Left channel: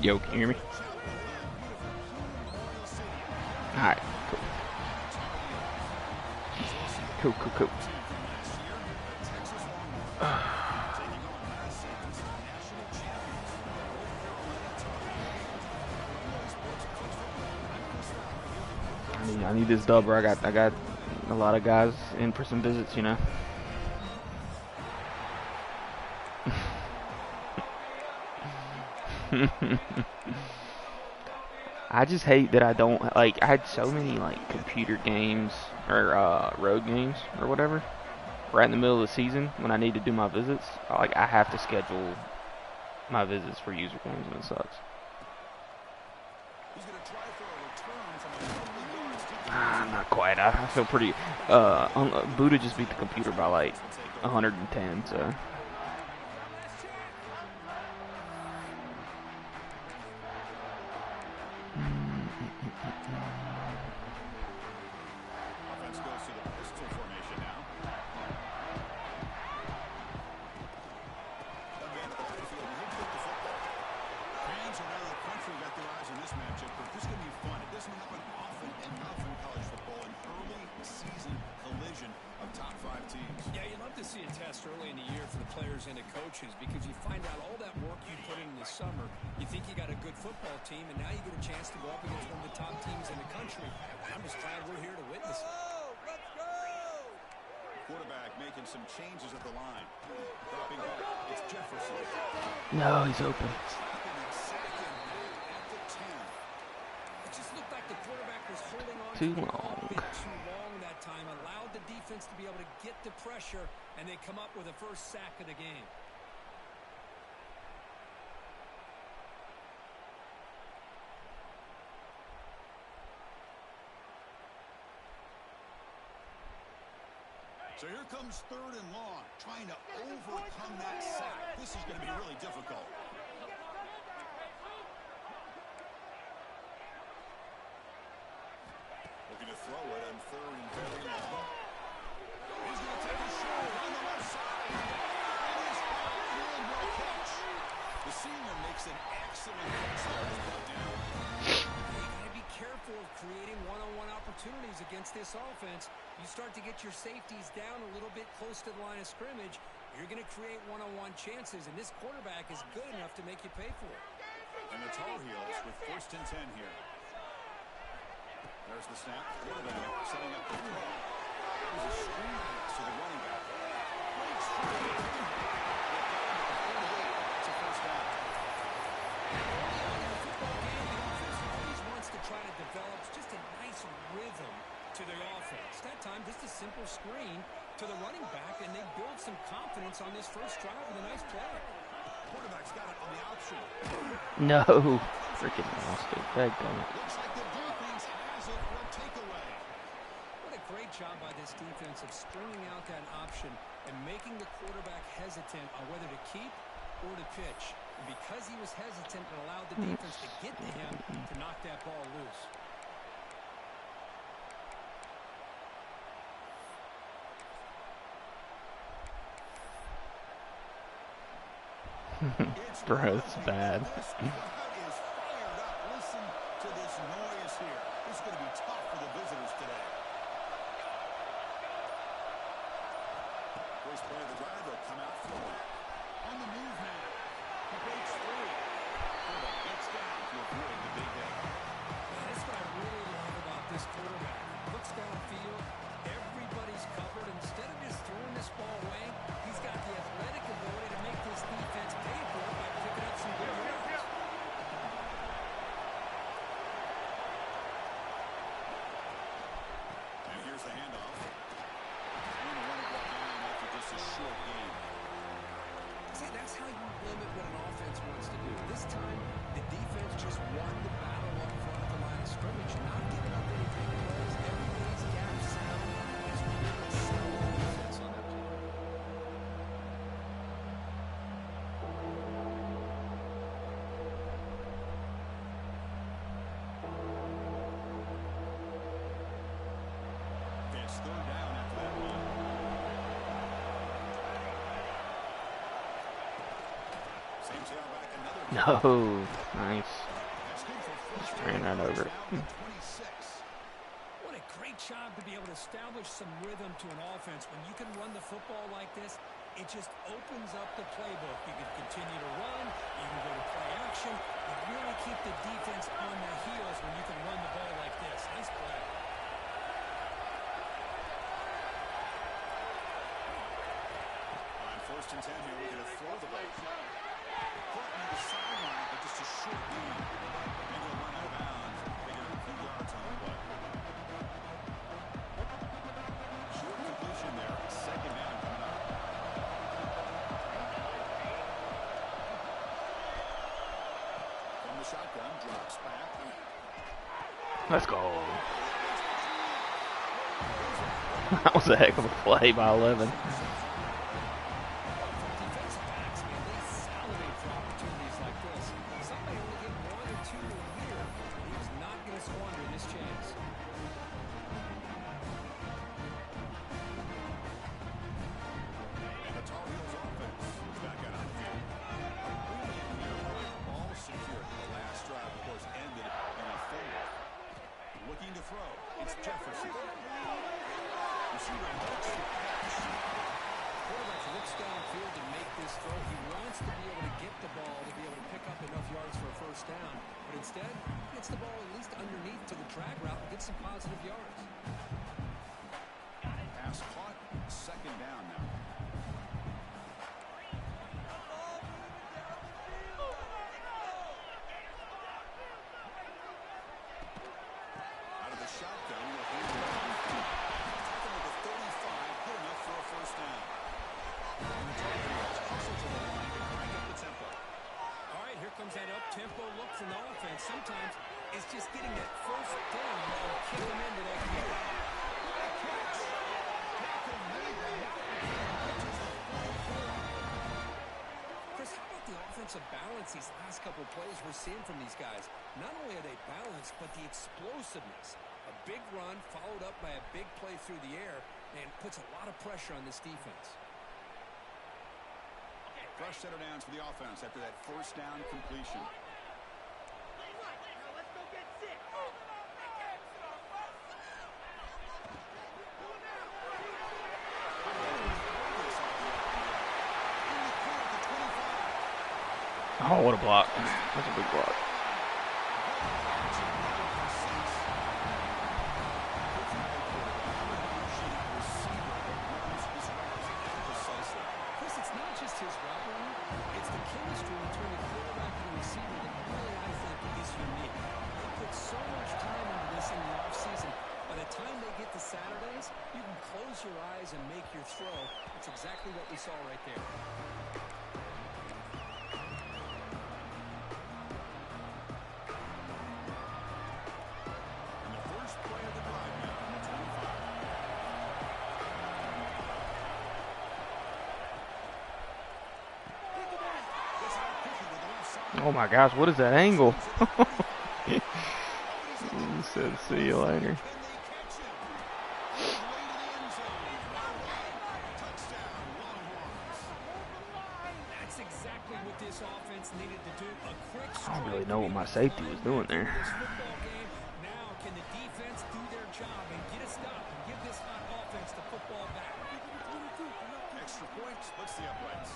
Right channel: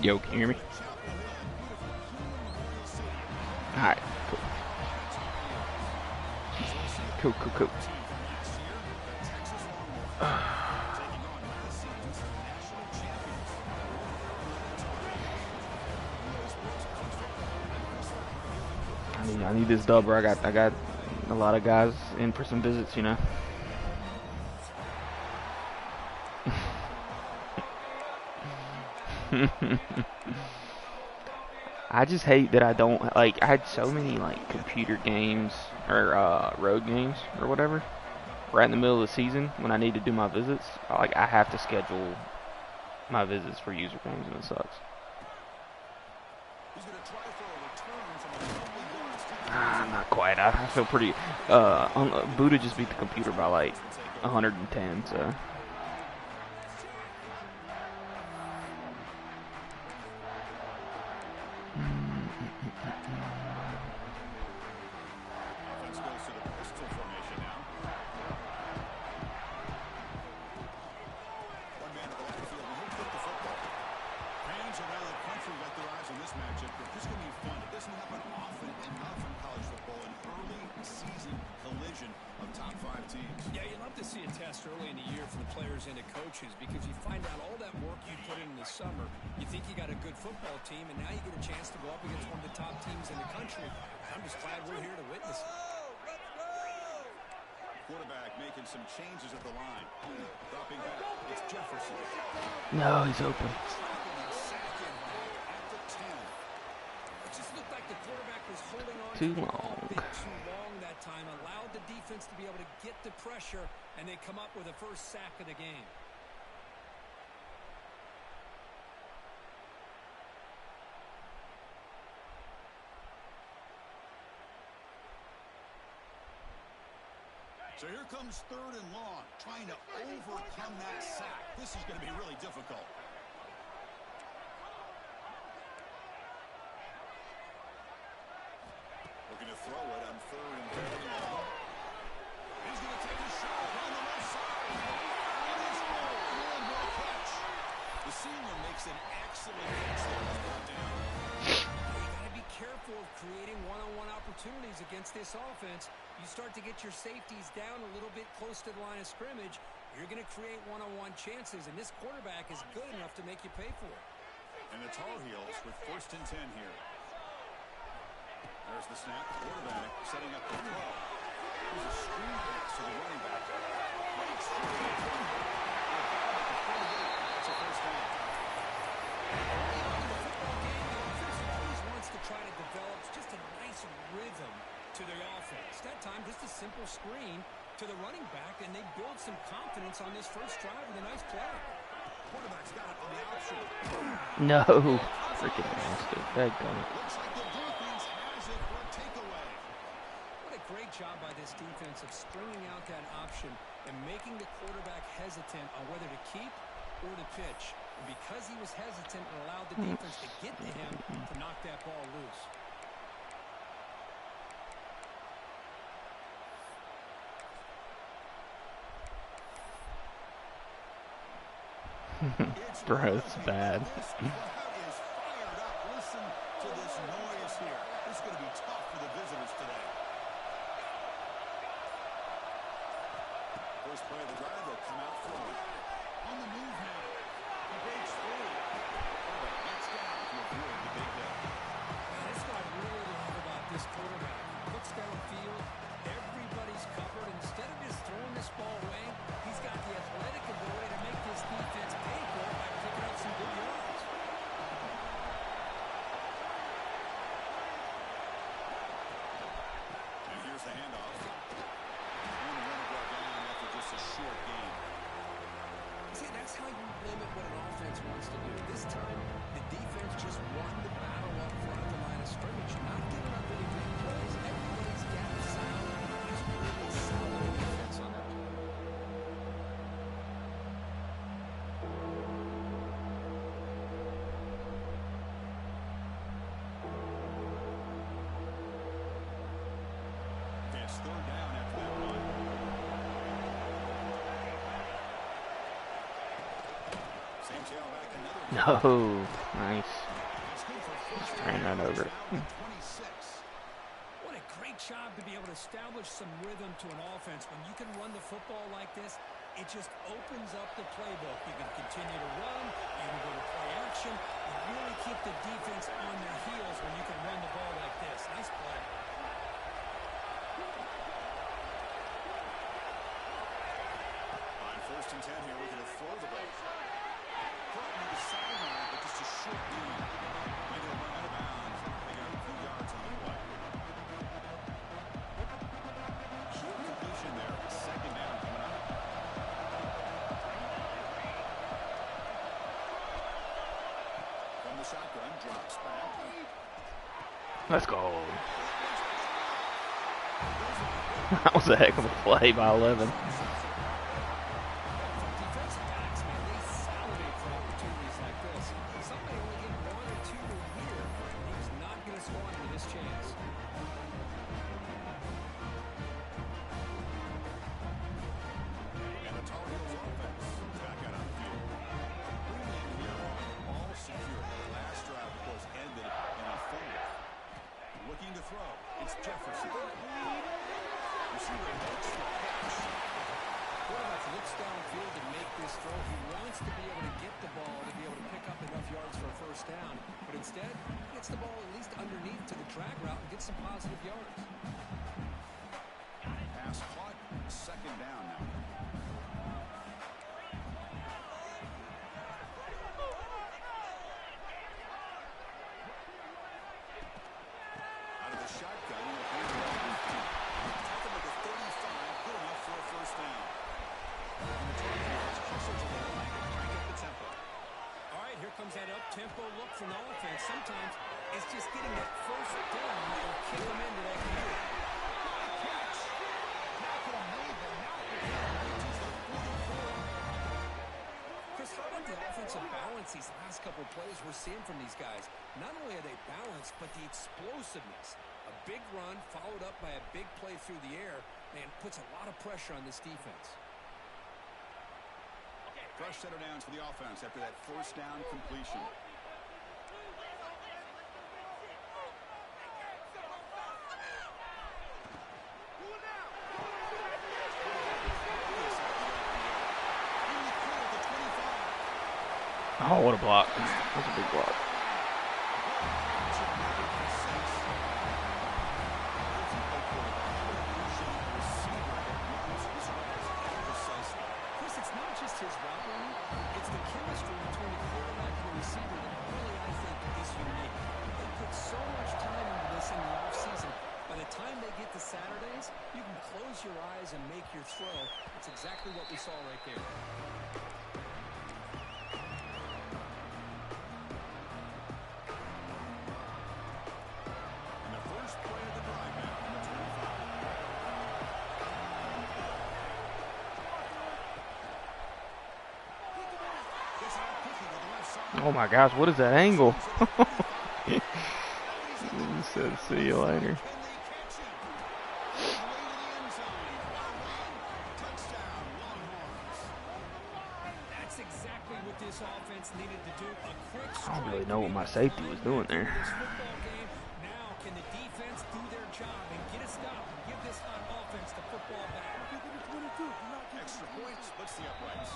Yo, can you hear me? Alright, cool. Cool. I need this dub, bro. I got a lot of guys in for some visits, you know. I just hate that I don't like. I had so many like computer games or road games or whatever right in the middle of the season when I need to do my visits. Like I have to schedule my visits for user games, and it sucks. Not quite. I feel pretty. Buddha just beat the computer by like 110. So. Because you find out all that work you put in the summer, you think you got a good football team, and now you get a chance to go up against one of the top teams in the country. I'm just glad we're here to witness it. Let's go! Quarterback making some changes at the line. Dropping back, it's Jefferson. No, he's open. It just looked like the quarterback was holding on too to the long. ball a bit too long that time, allowed the defense to be able to get the pressure, and they come up with the first sack of the game. So here comes 3rd and long, trying to overcome that sack. This is going to be really difficult. Looking to throw it on 3rd and very long. He's going to take a shot on the left side. It is full and no catch. The senior makes an excellent catch there. It's brought down. You got to be careful of creating one-on-one opportunities against this offense. You start to get your safeties down a little bit close to the line of scrimmage, you're going to create one-on-one chances, and this quarterback is good enough to make you pay for it. And the Tar Heels with 1st and 10 here. There's the snap. Quarterback setting up the throw. Here's a screen pass to the running back. Great screen. They've got him at the 48. That's a first down. Early on in the football game, the offense always wants to try to develop just a nice rhythm to their offense. That time, just a simple screen to the running back, and they build some confidence on this first drive with a nice play. Quarterback's got it on the option. No, freaking lost it. Dadgummit. Looks like the defense has it for a takeaway. What a great job by this defense of stringing out that option and making the quarterback hesitant on whether to keep or to pitch. And because he was hesitant and allowed the defense to get to him to knock that ball loose. Bro, it's bad. This crowd is fired up. Listen to this noise here. This is going to be tough for the visitors today. First play of the drive, they'll come out throwing. On the move now. He breaks free. Quarterback gets down to avoid the big hit. That's what I really love about this quarterback. Looks downfield. Everybody's covered. Instead of just throwing this ball away, he's got the athletic ability to make this defense pay for it by picking up some good yards. And here's the handoff. And the runner brought down after just a short game. See, that's how you limit what an offense wants to do. This time, the defense just won the battle up front at the line of scrimmage, not giving up any big plays. Everybody's gap sound. It's really solid defense on that play. It's 3rd down after that run. Same tailback, another No. Nice. That's good for Just first ran down. right over it. Down to 26. What a great job to be able to establish some rhythm to an offense. When you can run the football like this, it just opens up the playbook. You can continue to run. You can go to play action. You really keep the defense on their heels when you can run the ball like this. Nice play. On 1st and 10 here, we're going to throw the ball. Caught near the sideline, but just a short gain. And he'll run out of bounds and pick up a few yards on the play. Short completion there. 2nd down coming up. From the shotgun, drops back. Let's go. That was a heck of a play by 11. Defensive backs, man, they salivate for opportunities like this. Some may only get 1 or 2 a year. He's not going to squander this chance. And the Tar Heels offense is back out on the field. A brilliant here on ball security. The last drive, of course, ended in a fumble. Looking to throw. It's Jefferson. Receiver makes the catch. Quarterback looks downfield to make this throw. He wants to be able to get the ball to be able to pick up enough yards for a first down. But instead, he gets the ball at least underneath to the drag route and gets some positive yards. Pass caught. 2nd down now. Out of the shotgun, he'll hand it off. Taken with a 35, good enough for a first down. And the Tar Heels hustle to the line to crank up the tempo. All right, here comes that up-tempo look from the offense. Sometimes it's just getting that first down that will kick them into that gear. Good catch. Now could have made that. Now reaches the 44. Chris, how about the offensive balance these last couple of plays we're seeing from these guys? Not only are they balanced, but the explosiveness. A big run followed up by a big play through the air, and puts a lot of pressure on this defense. Fresh set of downs for the offense after that first down completion. Oh, what a block. That's a big block. It's not just his route running, it's the chemistry between the quarterback and the receiver that really, I think, is unique. They put so much time into this in the offseason. By the time they get to Saturdays, you can close your eyes and make your throw. It's exactly what we saw right there. And the first play of the drive now on the 25. Oh my gosh, what is that angle? He said, see you later. That's exactly what this offense needed to do. A quick I don't really know what my safety was doing there. This football game. Now, can the defense do their job and get a stop and give this hot offense the football back? Extra point splits the uprights.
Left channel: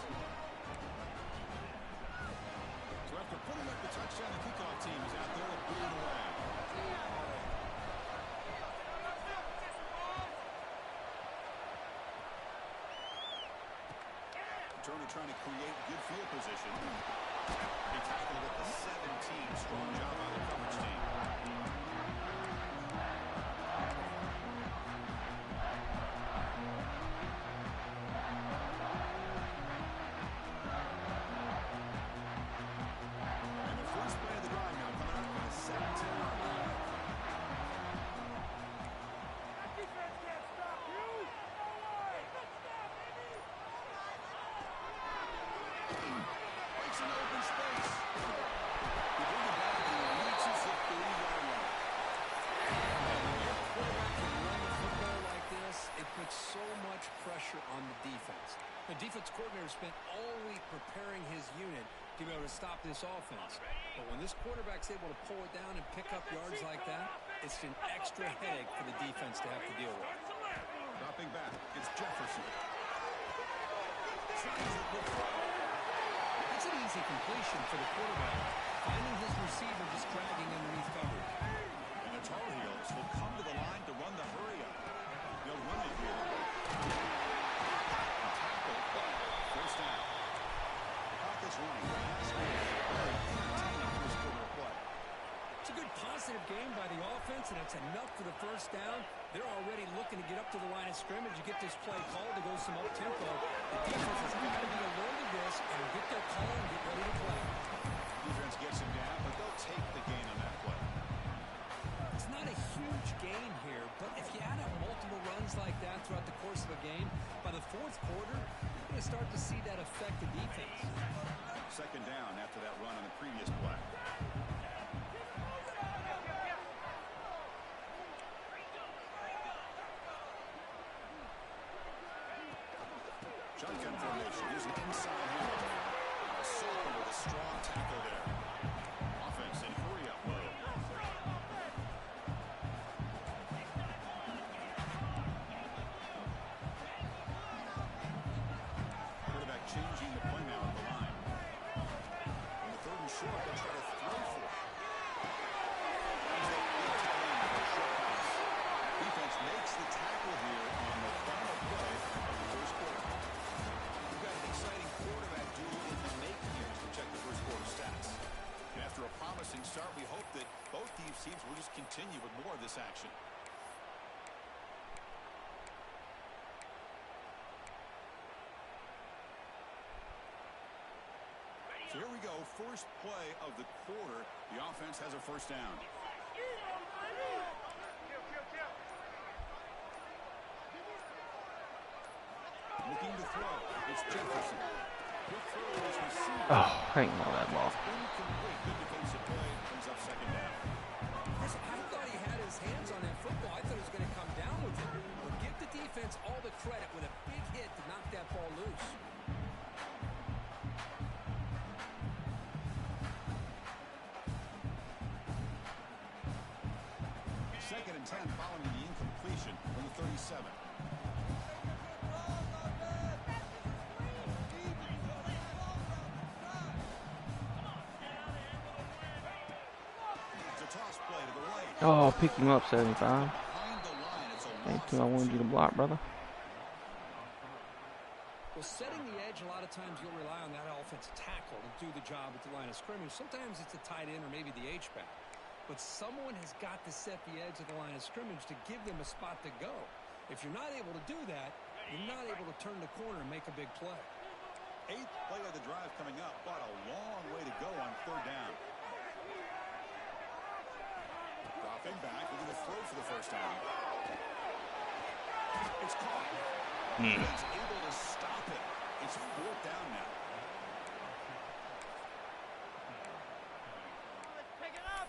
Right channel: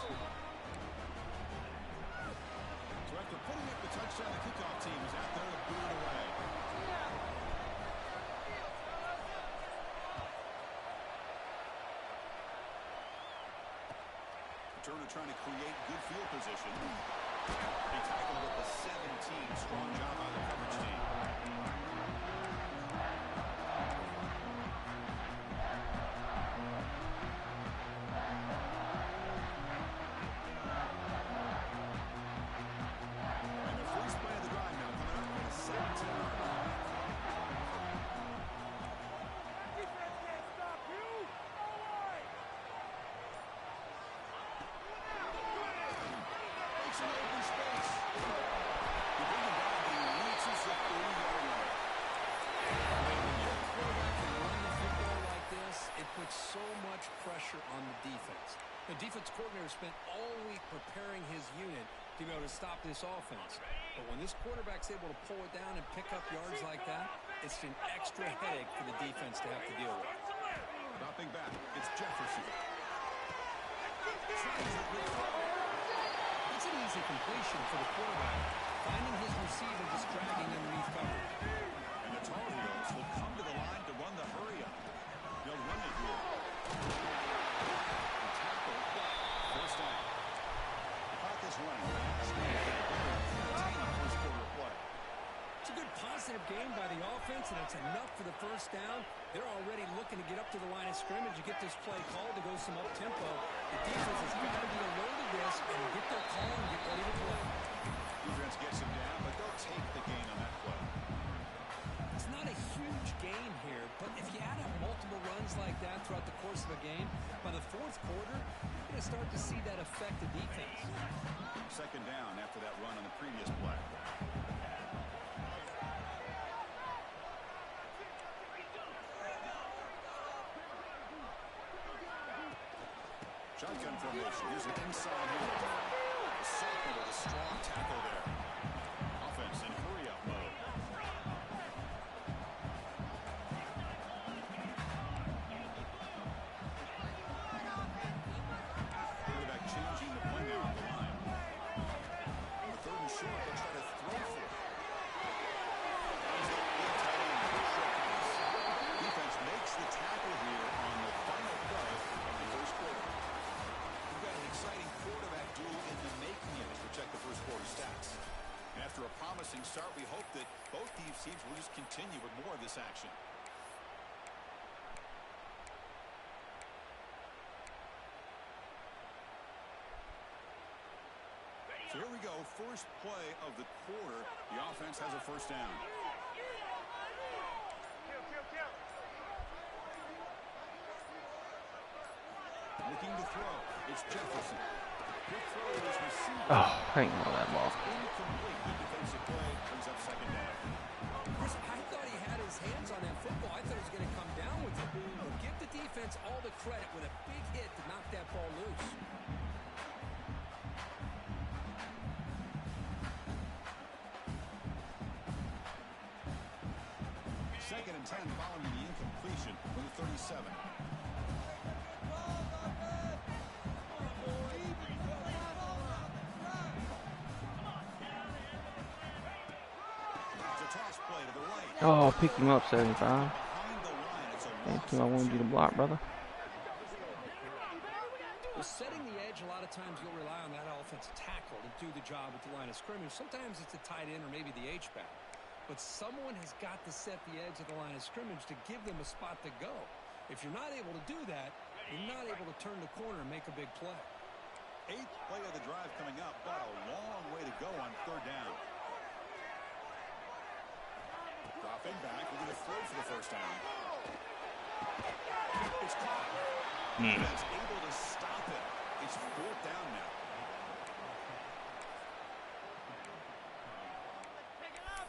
So after putting up the touchdown, the kickoff team is out there to boot it away. Turner trying to create good field position. He tackled with the 17. Strong job by the coverage team. And the first play of the drive now coming up on the 17-yard line. That defense can't stop you. No way. Breaks into open space. We bring it down, but he reaches the 30-yard line. And when your quarterback can run the football like this, it puts so much pressure on the defense. The defense coordinator spent all week preparing his unit to be able to stop this offense. But when this quarterback's able to pull it down and pick up yards like that, it's an extra headache for the defense to have to deal with. Dropping back, it's Jefferson. It's an easy completion for the quarterback, finding his receiver just dragging underneath coverage. And the Tar Heels will come to the line to run the hurry up. They'll run it here. And tackle, but first down. The clock is running. Last minute, a very entertaining first quarter of play. It's a good positive game by the offense, and it's enough for the first down. They're already looking to get up to the line of scrimmage to get this play called to go some up-tempo. The defense has got to be alert to this and get their call and get ready to play. Defense gets him down, but they'll take the gain on that play. It's not a huge gain here, but if you add up multiple runs like that throughout the course of a game, by the fourth quarter, you're going to start to see that affect the defense. Second down after that run on the previous play. Shotgun formation. Here's an inside handle. Soper with a strong tackle there. Offense in hurry-up mode. Quarterback changing the play now at the line. On the third and short, they'll try to throw for it. There's that big tight end for a short pass. Defense makes the tackle here on the final play of the first quarter. We've got an exciting quarterback duel in the making here as we check the first quarter stats. And after a promising start, we hope that both these teams will just continue with more of this action. So here we go, first play of the quarter. The offense has a first down. Looking to throw. It's Jefferson. Quick throw is received. Oh, hang on that ball. Incomplete. Good defensive play. Brings up second down. Chris, I thought he had his hands on that football. I thought he was going to come down with it. But give the defense all the credit with a big hit to knock that ball loose. Second and 10 following the incompletion from the 37. Toss play to the right. Oh, pick him up, 75. Behind the line, it's a Thank loss. you. I wanted you to block, brother. Well, setting the edge, a lot of times you'll rely on that offensive tackle to do the job at the line of scrimmage. Sometimes it's a tight end or maybe the H-back. But someone has got to set the edge of the line of scrimmage to give them a spot to go. If you're not able to do that, you're not able to turn the corner and make a big play. Eighth play of the drive coming up, but a long way to go on third down. Dropping back, we're going to throw for the first down. It's caught. Defense able to stop it. It's fourth down now. Pick it up.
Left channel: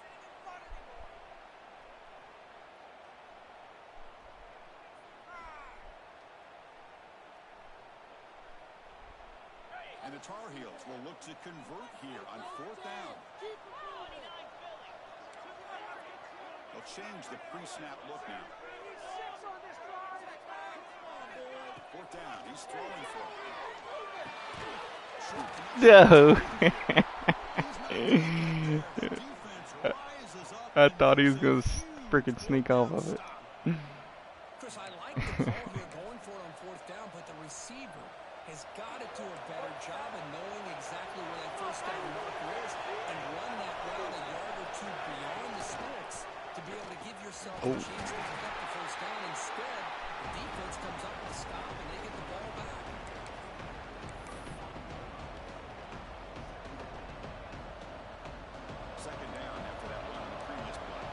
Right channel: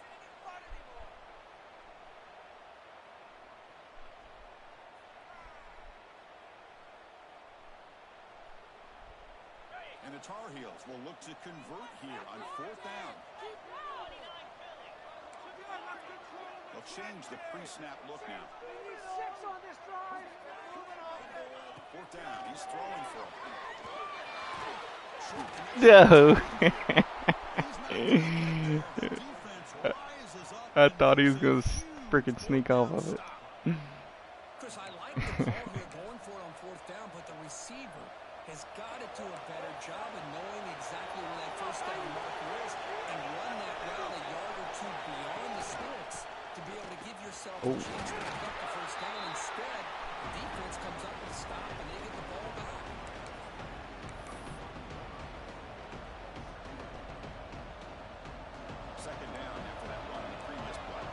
Sitting in front anymore. And the Tar Heels will look to convert here on fourth down. They'll change the pre-snap look now. 86 on this drive. Fourth down, he's throwing for it. No. I thought he was going to freaking sneak off of it. Chris, I like the call here going for it on fourth down, but the receiver has got to do a better job of knowing exactly where that first down marker is and run that route a yard or two beyond the sticks to be able to give yourself a chance to pick up the first down. Instead, the defense comes up with a stop and they get the ball back. Second down after that run on the previous play.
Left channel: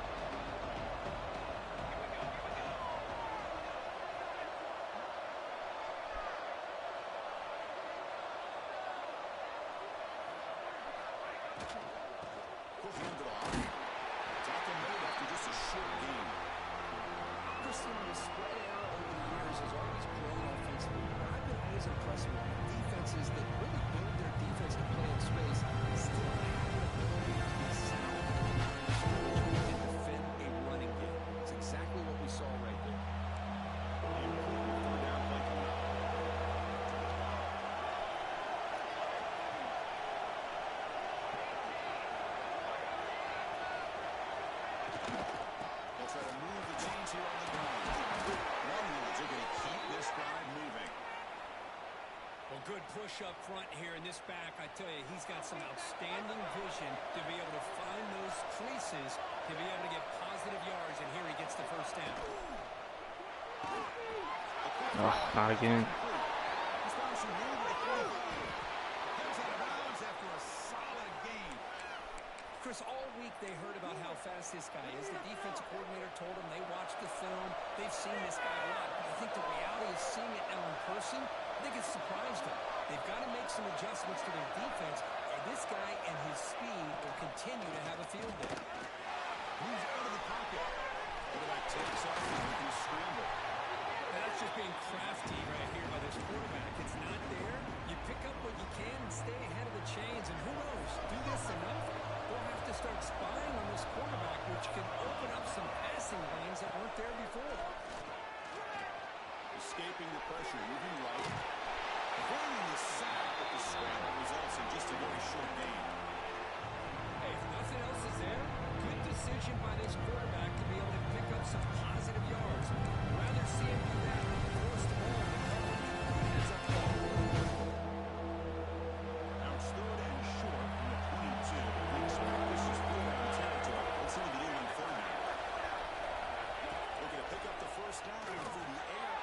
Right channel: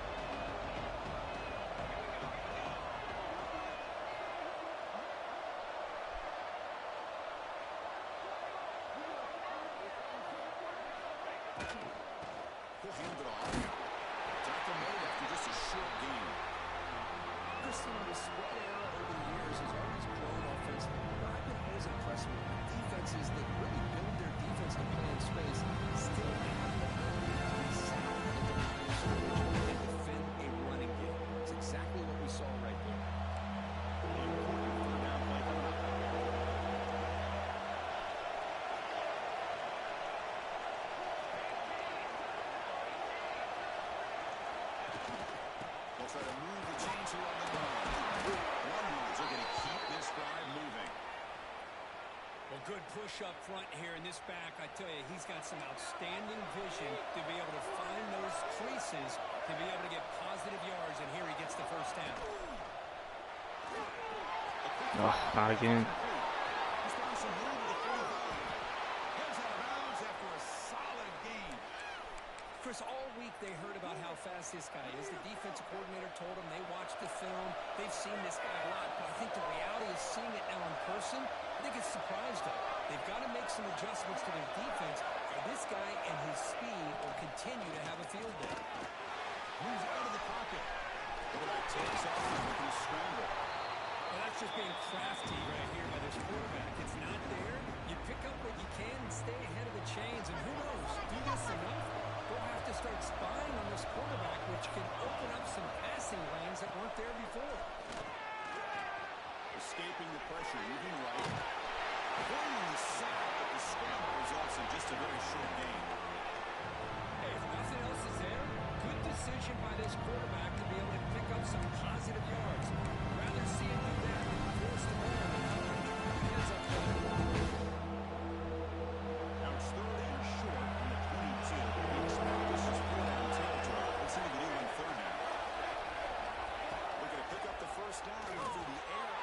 He'll hand it off. Tackle made after just a short gain. Chris, the spread era over the years has always grown offensively, but I've been always impressed with defenses that really build their defense to play in space, still have an ability to be sound at the line of scrimmage and defend a running game. It's exactly what we saw right there. The important third down play coming up. They'll try to move the chains here on the ground. Warriors are going to keep this drive moving. Well, good push up front here in this back. I tell you, he's got some outstanding vision to be able to find those creases, to be able to get positive yards, and here he gets the first down. Oh, not again. Response from Moore to the 45. Heads out of bounds after a solid gain. Chris, all week they heard about how fast this guy is. The defensive coordinator told them they watched the film. They've seen this guy a lot, but I think the reality is seeing it now in person, I think it's surprised them. They've got to make some adjustments to their defense, or this guy and his speed will continue to have a field day. Moves out of the pocket. Quarterback takes off and looking to scramble. And that's just being crafty right here by this quarterback. It's not there. You pick up what you can and stay ahead of the chains, and who knows, do this enough, they'll have to start spying on this quarterback, which can open up some passing lanes that weren't there before. Escaping the pressure, moving right. Avoiding the sack, but the scramble results in just a very short gain. Hey, if nothing else is there, good decision by this quarterback to be able to pick up some positive yards. Rather see him do that than force the ball into coverage. Good heads up play. Now it's third and short from the 22. We expect this is four down territory. Let's see what they do on third down. Looking to pick up the first down through the air.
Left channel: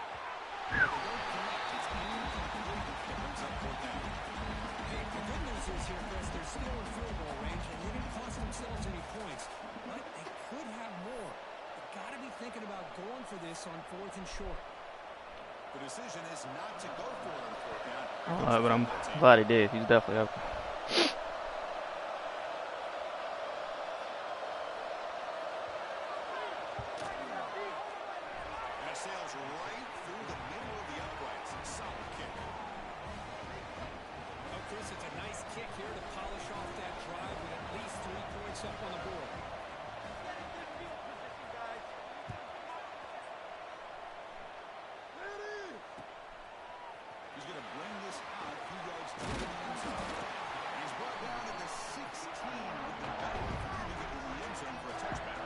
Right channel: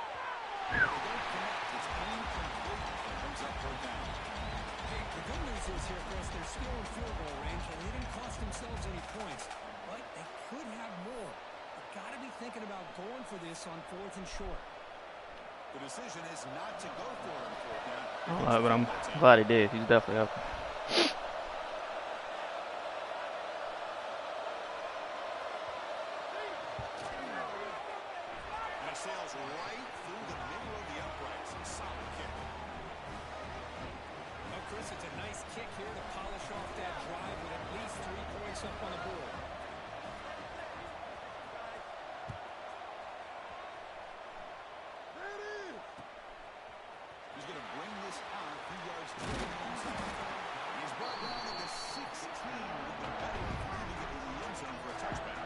They don't connect. It's incomplete. It brings up fourth down. Hey, the good news is here, Chris, they're still in field goal range, and they didn't cost themselves any points. But they could have more. They've got to be thinking about going for this on fourth and short. The decision is not to go for it on fourth down. I don't know, but I'm glad he did. He's definitely up. And it sails right through the middle of the uprights. Solid kick. Oh, Chris, it's a nice kick here to polish off that drive with at least 3 points up on the board. He's going to bring this out a few yards to the end zone. He's brought down at the 16 with the better moving into the end zone for a touchback.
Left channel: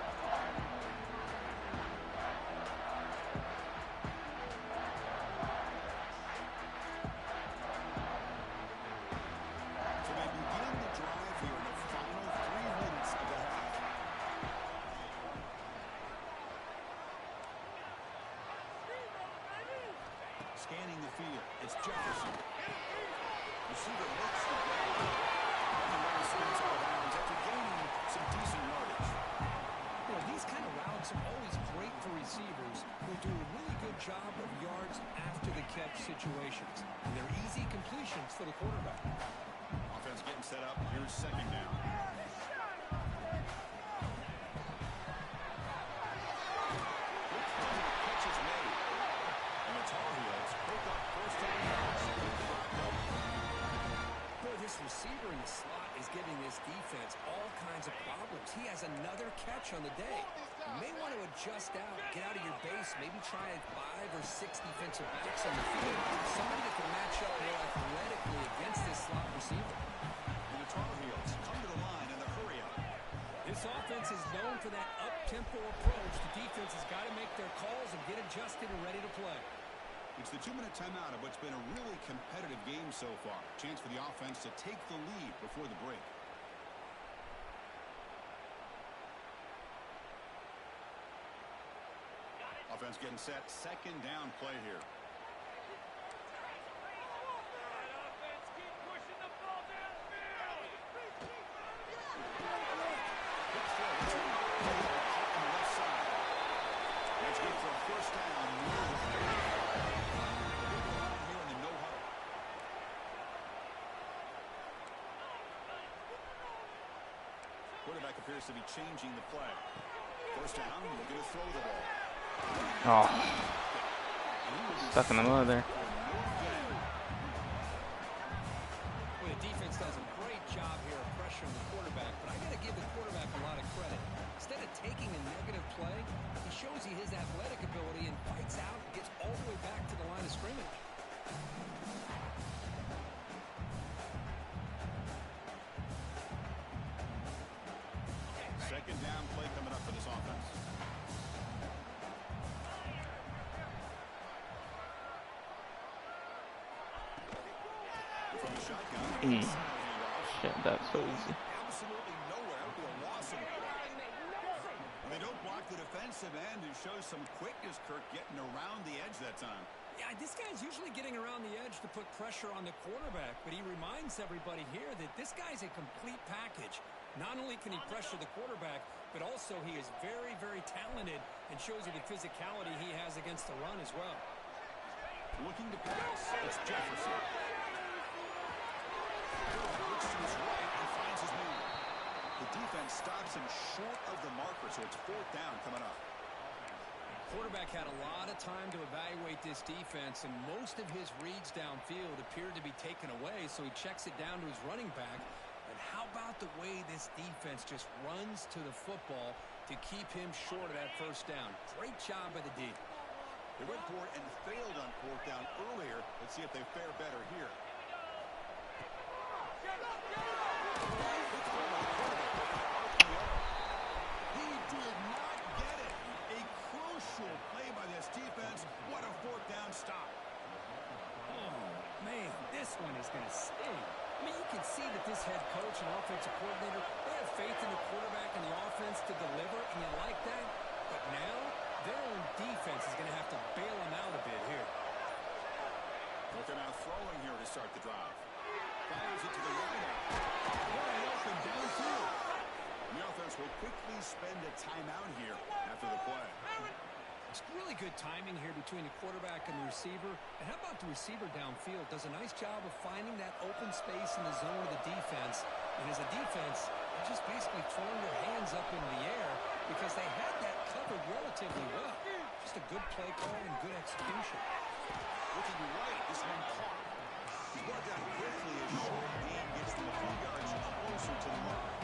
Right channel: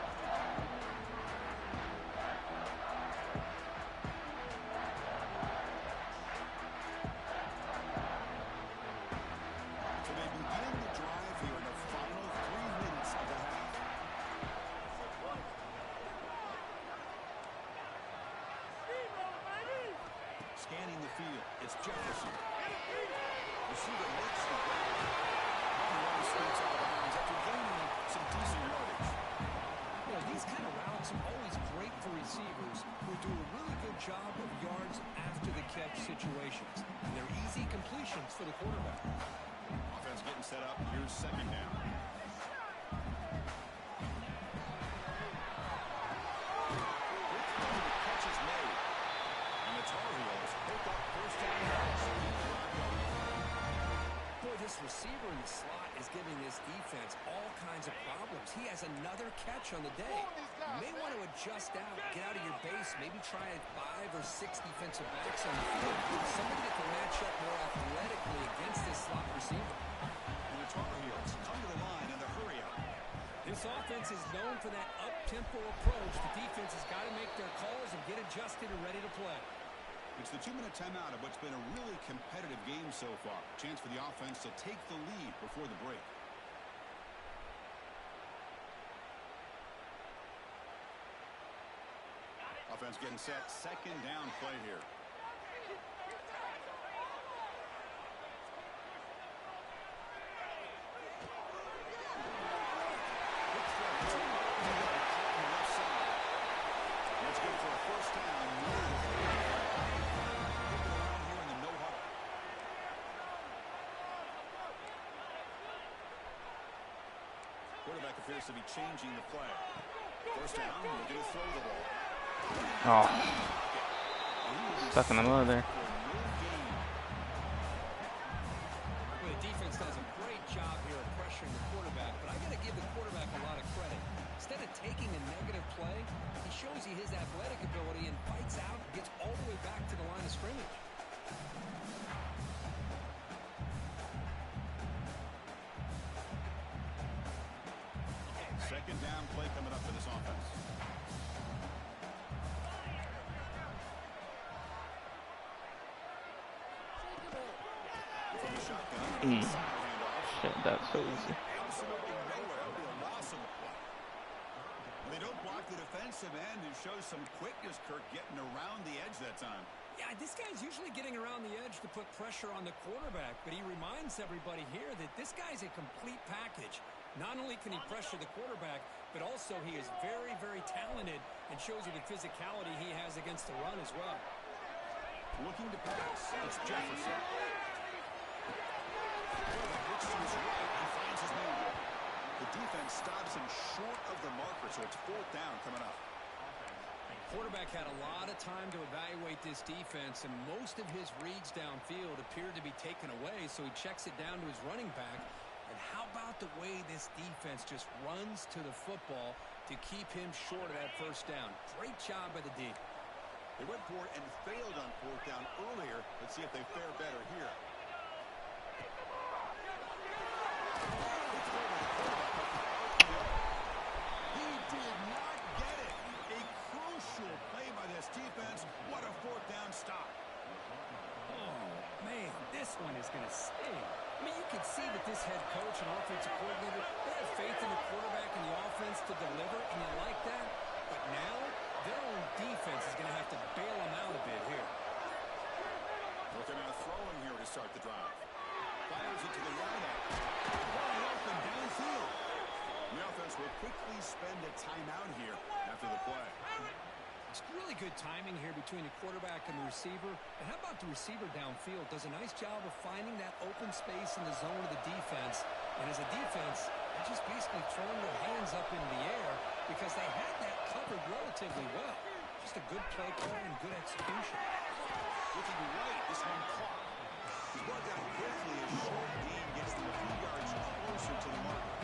So they begin the drive here in the final 3 minutes of the half. Scanning the field, it's Jefferson. Receiver makes the grab. And the runner spins out of bounds after gaining some decent yardage. You know, these kind of routes are always great for receivers who do a really good job of yards after the catch situations. And they're easy completions for the quarterback. Offense getting set up. Here's second down. Quick throw, the catch is made. And the Tar Heels pick up first down yards to keep the drive going. Boy, this receiver in the slot is giving this defense all kinds of problems. He has another catch on the day. You may want to adjust out, get out of your base, maybe try 5 or 6 defensive backs on the field. Somebody that can match up more athletically against this slot receiver. And the Tar Heels come to the line in the hurry up. This offense is known for that up-tempo approach. The defense has got to make their calls and get adjusted and ready to play. It's the 2-minute timeout of what's been a really competitive game so far. Chance for the offense to take the lead before the break. Offense getting set. Second down play here. Quick throw. It's on the left side. That's good for a first down. Near the 40. Get to the line here in the no huddle. Quarterback appears to be changing the play. First down, looking to throw the ball. Oh, stuck in the mud there. Well, the defense does a great job here of pressuring the quarterback, but I got to give the quarterback a lot of credit. Instead of taking a negative play, he shows you his athletic ability and fights out and gets all the way back to the line of scrimmage. Second down play coming up for this offense. From the shotgun, handoff. Shit, that's so easy. Absolutely nowhere. That'll be a loss on the play. When they don't block the defensive end, it shows some quickness, Kirk, getting around the edge that time. Yeah, this guy's usually getting around the edge to put pressure on the quarterback, but he reminds everybody here that this guy's a complete package. Not only can he pressure the quarterback, but also he is very, very talented and shows you the physicality he has against the run as well. Looking to pass. It's Jefferson. Looks to his right and finds his man. The defense stops him short of the marker, so it's fourth down coming up. Quarterback had a lot of time to evaluate this defense, and most of his reads downfield appeared to be taken away, so he checks it down to his running back. And how about the way this defense just runs to the football to keep him short of that first down? Great job by the D. They went for it and failed on fourth down earlier. Let's see if they fare better here. He did not get it. A crucial play by this defense. What a fourth down stop. Oh, man, this one is going to sting. I mean, you can see that this head coach and offensive coordinator, they have faith in the quarterback and the offense to deliver, and you like that. But now, their own defense is going to have to bail them out a bit here. Looking out throwing here to start the drive. Fires it to the right out. Wide open downfield. The offense will quickly spend a timeout here after the play. It's really good timing here between the quarterback and the receiver. And how about the receiver downfield? Does a nice job of finding that open space in the zone of the defense. And as a defense, they're just basically throwing their hands up in the air because they had that covered relatively well. Just a good play call and good execution. Looking right, this one caught. He's brought down quickly as short gain gets them a few yards closer to the marker.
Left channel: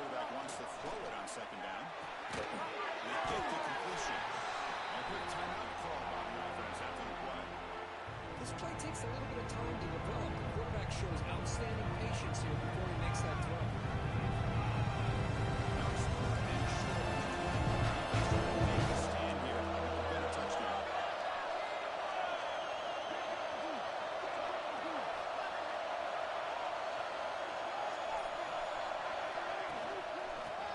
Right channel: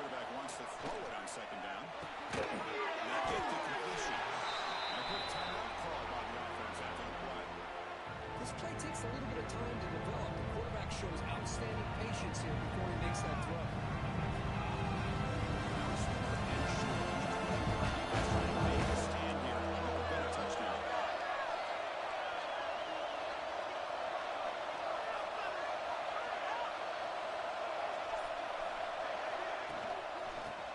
Quarterback wants to throw it on second down. They get the completion. And a quick timeout call by the offense after the play. This play takes a little bit of time to develop. The quarterback shows outstanding patience here before he makes that throw. Now it's third and short. Defense trying to make a stand here to prevent a touchdown.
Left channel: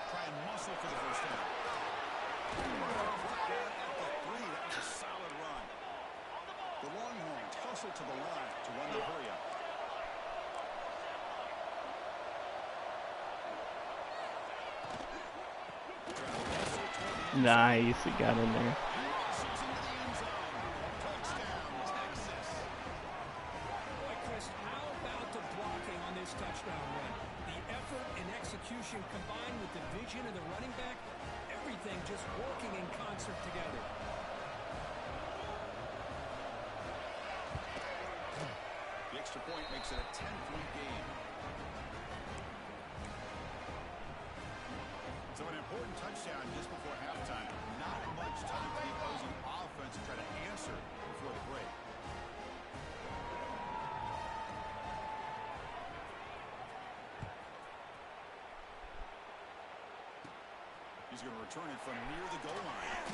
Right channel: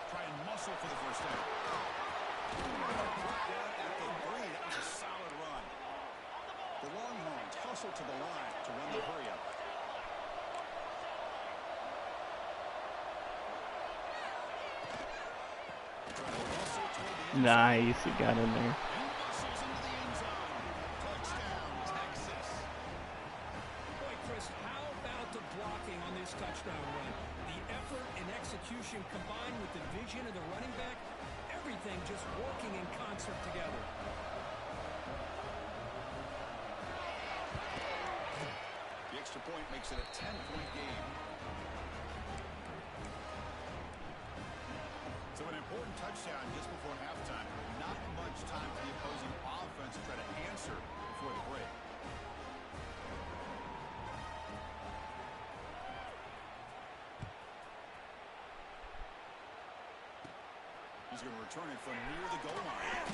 Try and muscle for the first down. Brought down at the 3. That was a solid run. The Longhorns hustle to the line to run the hurry up. Nice, he got in there. Muscles into the end zone. Touchdown, Texas. Boy, Chris, how about the blocking on this touchdown run? The effort and execution combined with the vision of the running back, everything just working in concert together. The extra point makes it a 10-point game. So an important touchdown just before halftime. Not much time for the opposing offense to try to answer before the break. He's going to return it from near the goal line.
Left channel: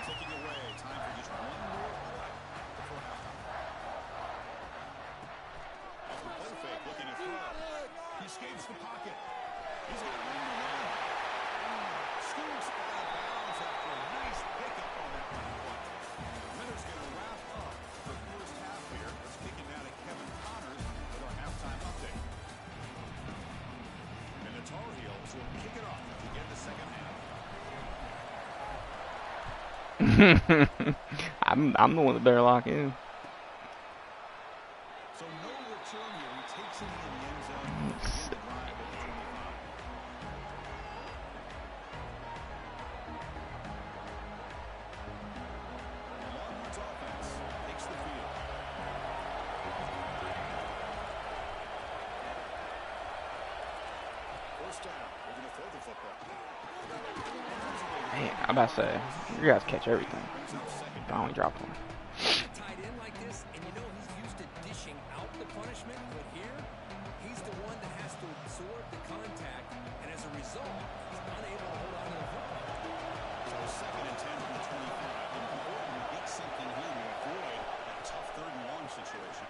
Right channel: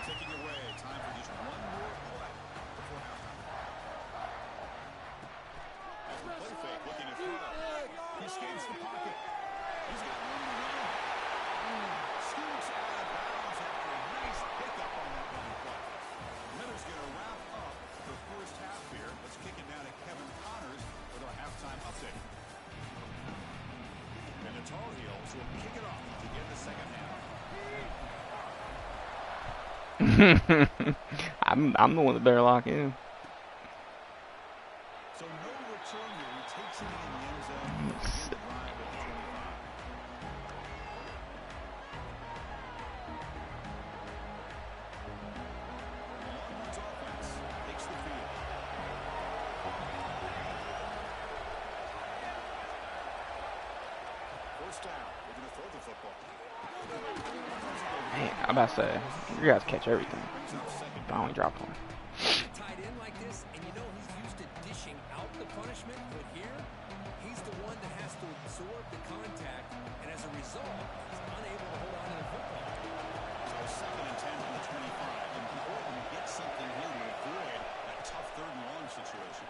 Ticking away. Time for just one more play before halftime. Off the play fake, looking to throw. He escapes the pocket. He's got room to run. Scoots out of bounds after a nice pickup on that running play. Miller's going to wrap up the first half here. Let's kick it down to Kevin Connors with our halftime update. And the Tar Heels will kick it off to begin the second half. I'm the one that better lock in. So no return here. He takes it in the end zone. He'll begin the drive at the 25. The Longhorns offense takes the field. First down. They're going to throw the football. Man, I'm about to say, you guys catch everything. But I only drop one. Tied in like this, and you know he's used to dishing out the punishment, but here, he's the one that has to absorb the contact, and as a result, he's unable to hold on to the football. So 2nd and 10 from the 25. Important to get something here to avoid that tough 3rd and long situation.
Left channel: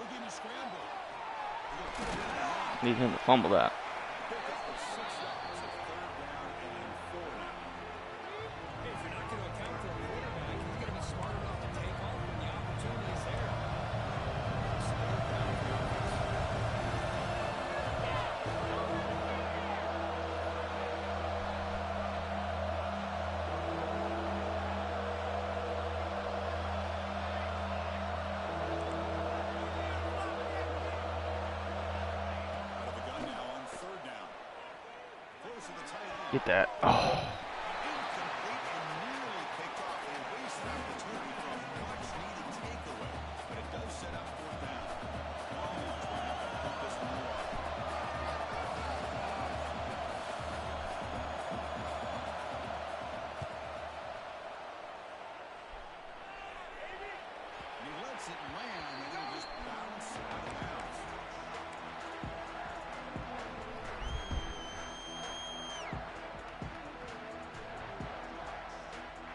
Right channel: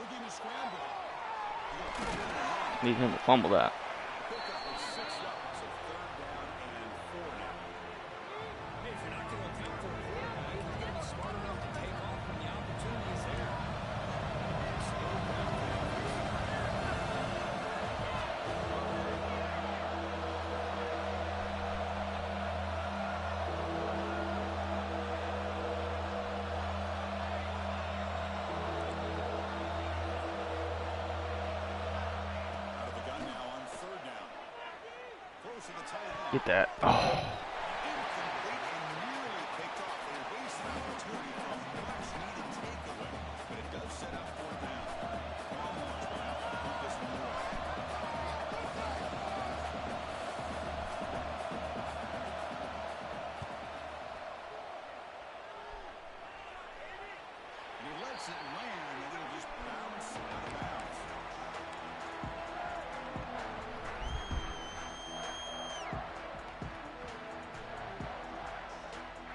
Looking to scramble. Need him to fumble that. Pickup of 6 yards, so 3rd down and 4 now. Hey, if you're not going to account for a quarterback, he's going to be smart enough to take off when the opportunity is there. It's 3rd down for the offense. Out of the gun now on 3rd down. Throws to the tight end. Get that. Oh. Incomplete and nearly picked off. They waste an opportunity for a much-needed takeaway, but it does set up 4th down. Longhorns will have to put this one away. And he lets it land, and it'll just bounce out of bounds.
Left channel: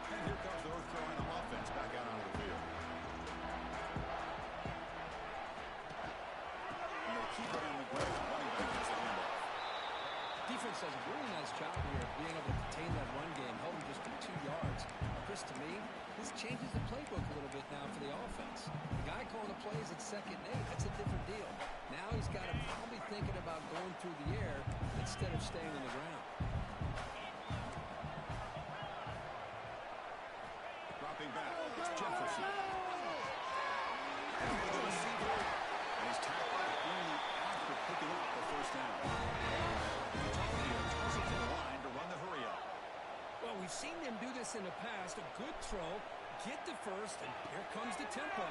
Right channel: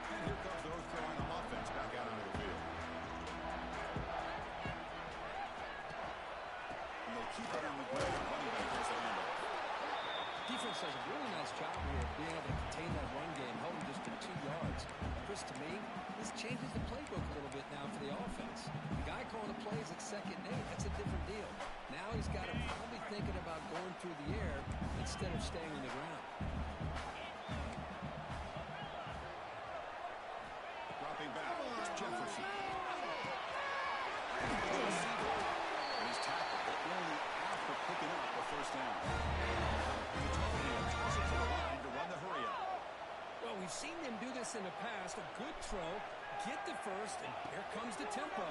And here comes the North Carolina offense back out onto the field. And they'll keep it on the ground. Running back gets the handoff. Defense does a really nice job here of being able to contain that run game, held him just to 2 yards. Chris, to me, this changes the playbook a little bit now for the offense. The guy calling the plays at 2nd and 8, that's a different deal. Now he's got to probably thinking about going through the air instead of staying on the ground. Dropping back, it's Jefferson. And the receiver, and he's tackled, but only after picking up a 1st down. And the Tar Heels toss it to the line to run the hurry-up. Well, we've seen them do this in the past. A good throw, get the first, and here comes the tempo.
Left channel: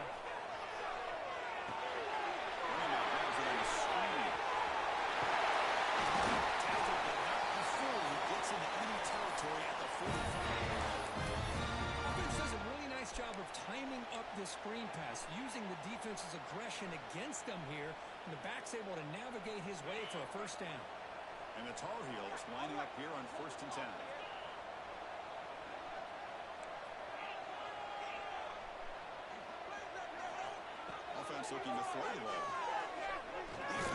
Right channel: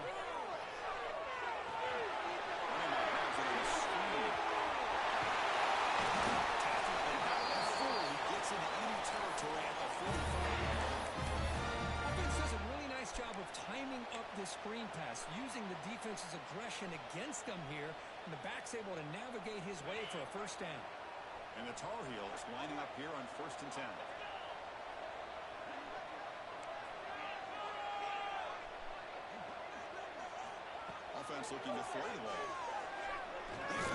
Running back grabs it on the screen. Tackled, but not before he gets into enemy territory at the 45. Offense does a really nice job of timing up this screen pass, using the defense's aggression against them here, and the back's able to navigate his way for a 1st down. And the Tar Heels lining up here on 1st and 10. Offense looking to throw the ball.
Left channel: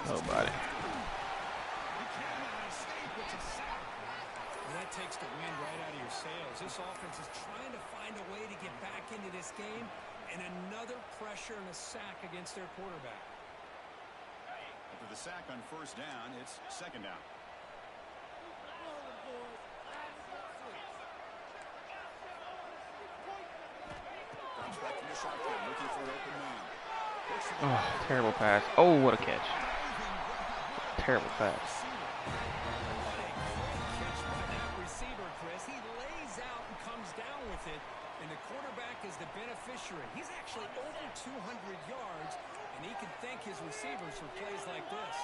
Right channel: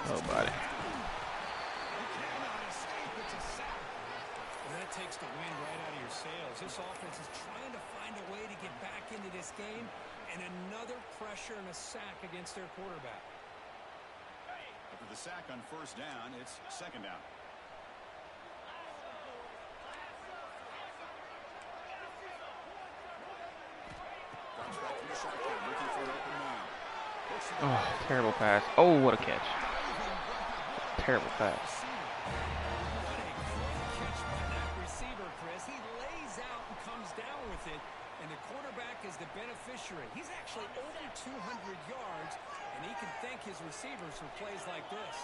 Oh, buddy. He cannot escape. It's a sack. Well, that takes the wind right out of your sails. This offense is trying to find a way to get back into this game, and another pressure and a sack against their quarterback. After the sack on 1st down, it's 2nd down. Comes back from the shotgun, looking for an open man. Oh, terrible pass. Oh, what a catch. Terrible pass. What a great catch by that receiver, Chris. He lays out and comes down with it, and the quarterback is the beneficiary. He's actually over 200 yards, and he can thank his receivers for plays like this.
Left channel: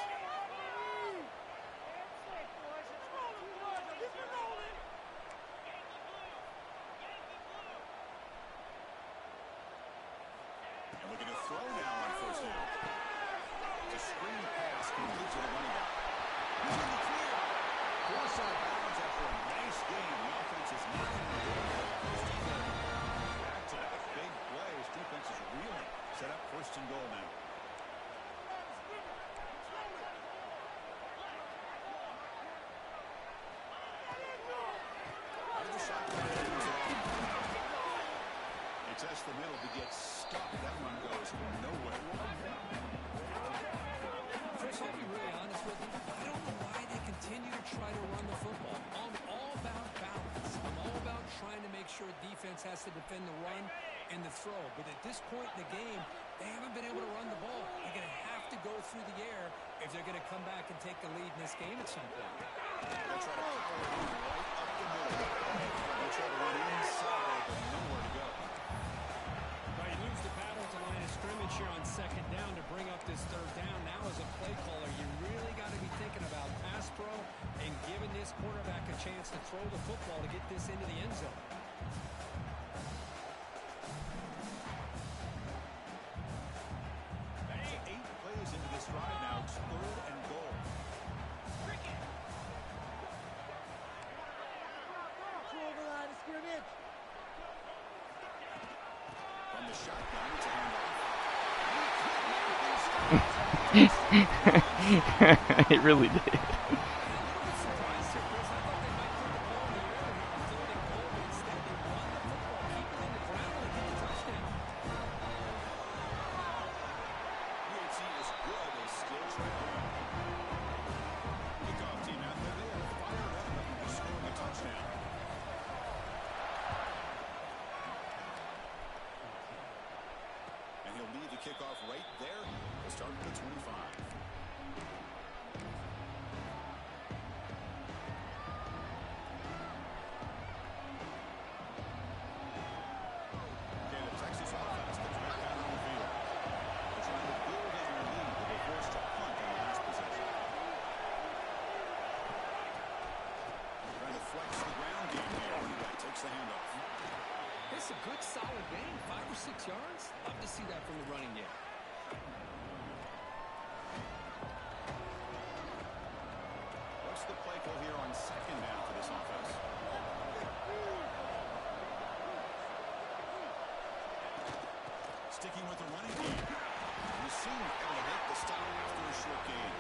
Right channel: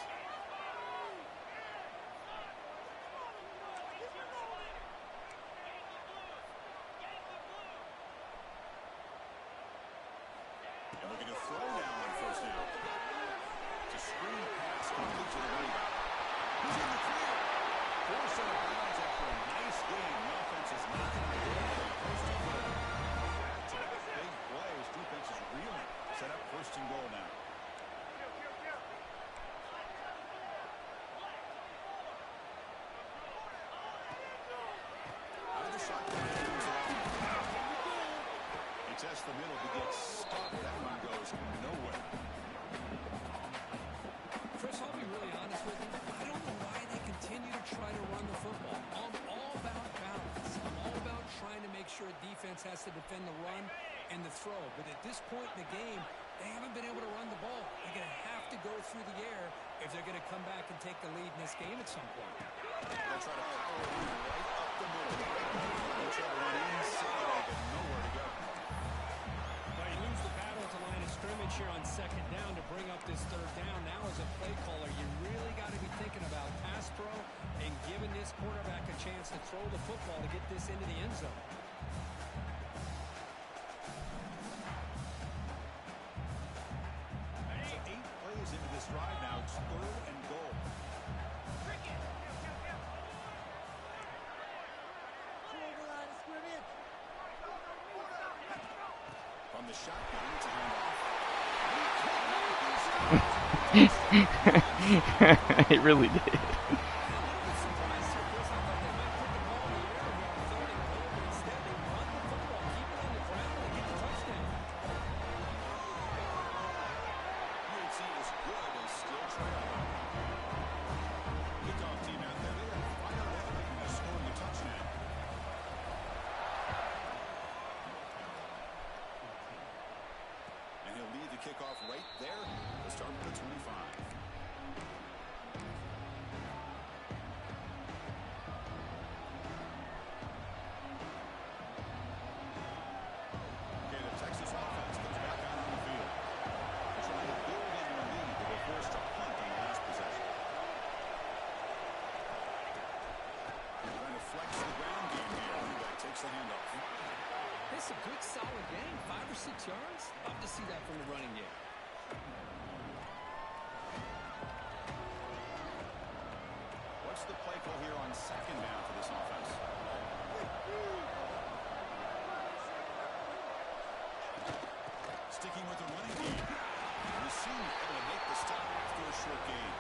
And looking to throw now on 1st down. It's a screen pass complete to the running back. He's in the clear. Forced out of bounds after a nice game. The offense is knocking on the door for a 1st and goal. Back-to-back big plays. Defense is reeling. Set up 1st and goal now. Out of the shotgun. He tests the middle, but gets stuck. That one goes nowhere. Chris, I'll be really honest with you. I don't know why they continue to try to run the football. I'm all about balance. I'm all about trying trying to make sure defense has to defend the run and the throw. But at this point in the game, they haven't been able to run the ball. They're going to have to go through the air if they're going to come back and take the lead in this game at some point. They'll try to power it in right up the middle. They'll try to run inside, but nowhere to go. Well, you lose the battle at the line of scrimmage here on second down to bring up this third down. Now as a play caller, you really got to be thinking about pass pro and giving this quarterback a chance to throw the football to get this into the end zone. So 8 plays into this drive now. It's 3rd and goal. Over the line of scrimmage. From the shotgun, it's a handoff. It really did. A little bit surprised here, Chris. I thought they might put the ball in the air here on 3rd and goal, but instead they run the football, keep it on the ground, and get the touchdown. PHC is good. They still trail. Kickoff team out there. They are fired up after scoring a touchdown. And he'll leave the kickoff right there to start with the 25. Okay, the Texas offense comes back out on the field. They're trying to build on their lead. They were forced to punt on the last possession. Trying to flex the ground game here. Running back takes the handoff. It's a good, solid game. 5 or 6 yards. Love to see that from the running game. What's the play call here on second down for this offense? Sticking with the running game. And the senior able to make the stop after a short gain.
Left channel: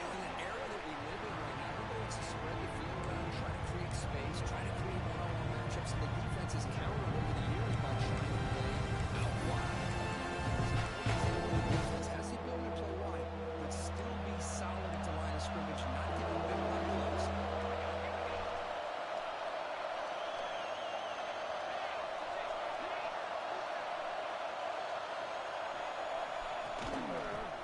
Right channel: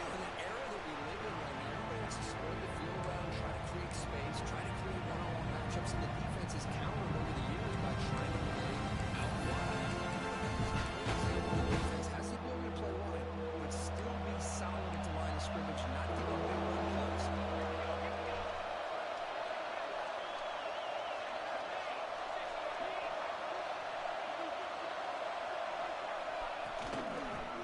You know, in the era that we live in right now, everybody wants to spread the field around, try to create space, try to create one-on-one matchups, and the defense has countered over the years by trying to play out wide. The defense has the ability to play wide, but still be solid at the line of scrimmage, not give up big run plays.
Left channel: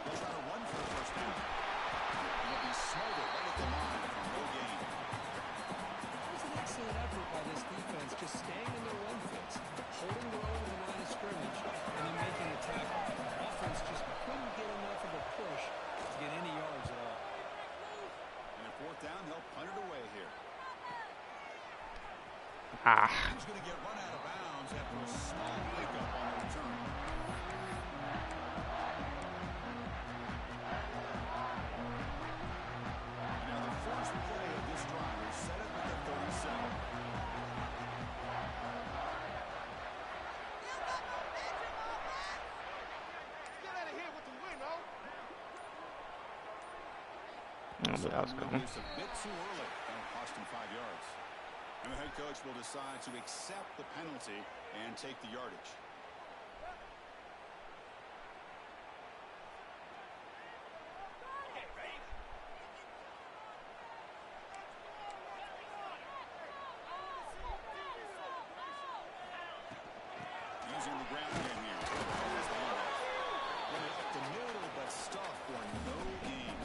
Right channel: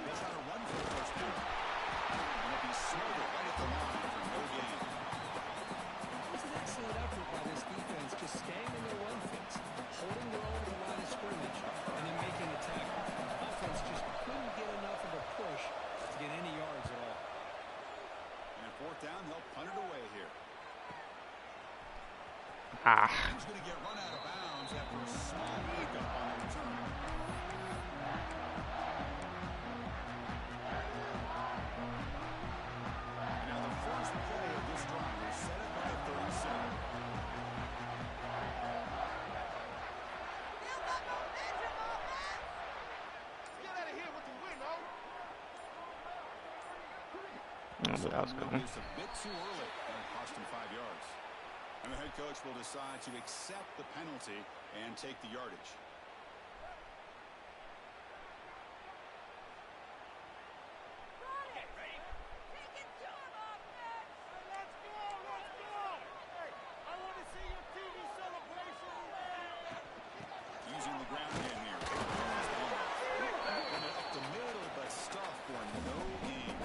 They'll try to run for the first down. And it'll be smothered right at the line for no gain. It was an excellent effort by this defense, just staying in their run fits, holding their own to the line of scrimmage, and then making a tackle. Offense just couldn't get enough of a push to get any yards at all. And at 4th down, they'll punt it away here. He's going to get run out of bounds after a small pickup on the return. And now the first play of this drive is set up at the 37. Get out of here with the win, oh. But that was Moving going. this a bit too early. That'll cost him 5 yards. And the head coach will decide to accept the penalty and take the yardage. Let's go, let's go. Hey, I want to see your TV celebration. Using the ground game here. Run it up the middle, but stuffed for no gain.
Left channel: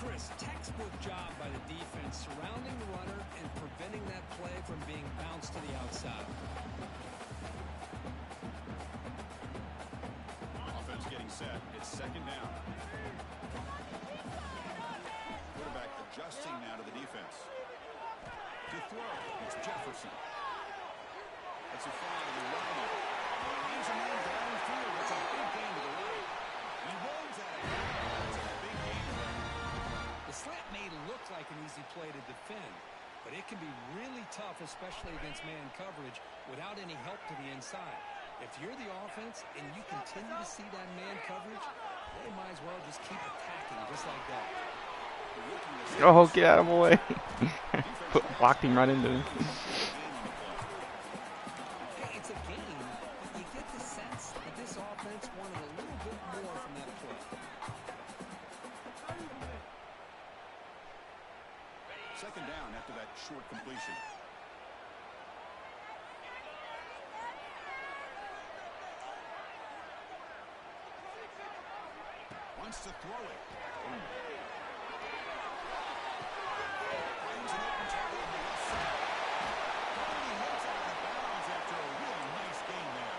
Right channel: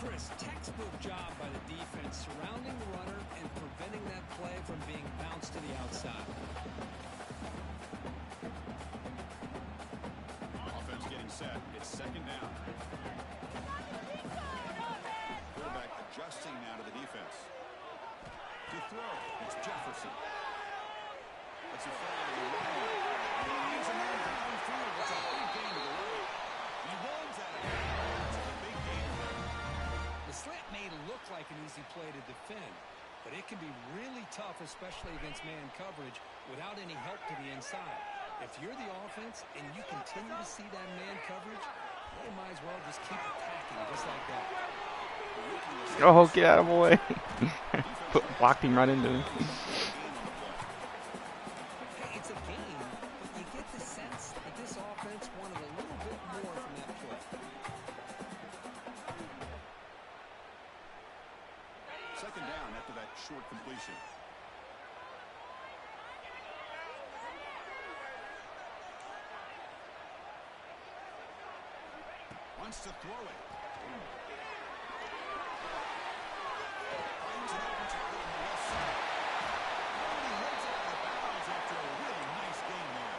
Chris, textbook job by the defense surrounding the runner and preventing that play from being bounced to the outside. Offense getting set. It's second down. Quarterback adjusting now to the defense. To throw, it's Jefferson. That's a fly to the right. He's a man downfield. That's a big gain to the right. And he runs out of bounds. That's a big gain there. The slant may look like an easy play to defend, but it can be really tough, especially against man coverage, without any help to the inside. If you're the offense and you continue to see that man coverage, they might as well just keep attacking just like that. Oh, get out of the way. Blocked him right into him. Hey, it's a game, but you get the sense that this offense wanted a little bit more from that play. Second down after that short completion. wants to throw it. Finds an open target on the left side. And he heads out of bounds after a really nice game there.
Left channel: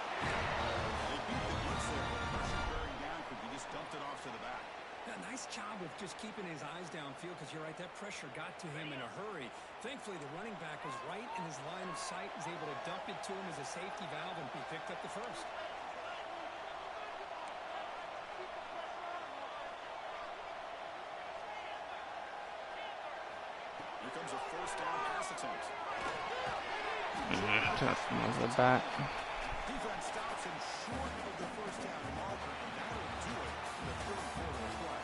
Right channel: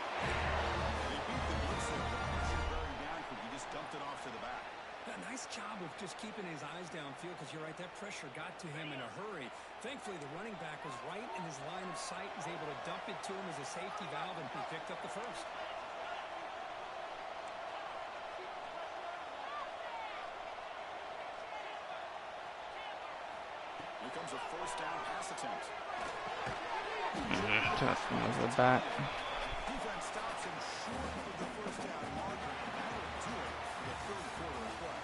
They beat the blitz there, but pressure bearing down because he just dumped it off to the back. A nice job of just keeping his eyes downfield, because you're right, that pressure got to him in a hurry. Thankfully, the running back was right in his line of sight. He's able to dump it to him as a safety valve, and he picked up the first. Here comes a first down pass attempt. Just was the back. Defense stops him short of the first down marker, and that'll do it for the third quarter of play.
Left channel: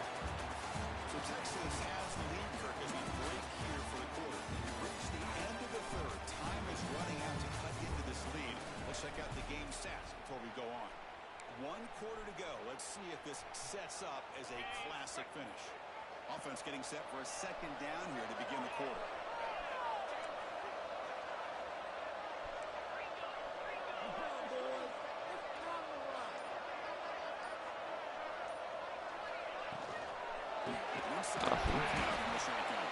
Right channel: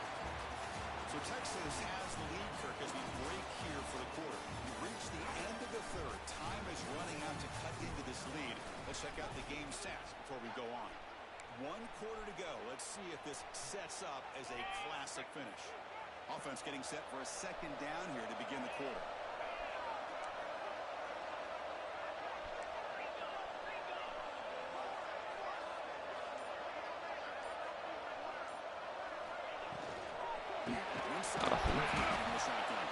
So Texas has the lead, Kirk, as we break here for the quarter. We've reached the end of the third. Time is running out to cut into this lead. Let's check out the game stats before we go on. 1 quarter to go. Let's see if this sets up as a classic finish. Offense getting set for a second down here to begin the quarter. Inside from the shotgun.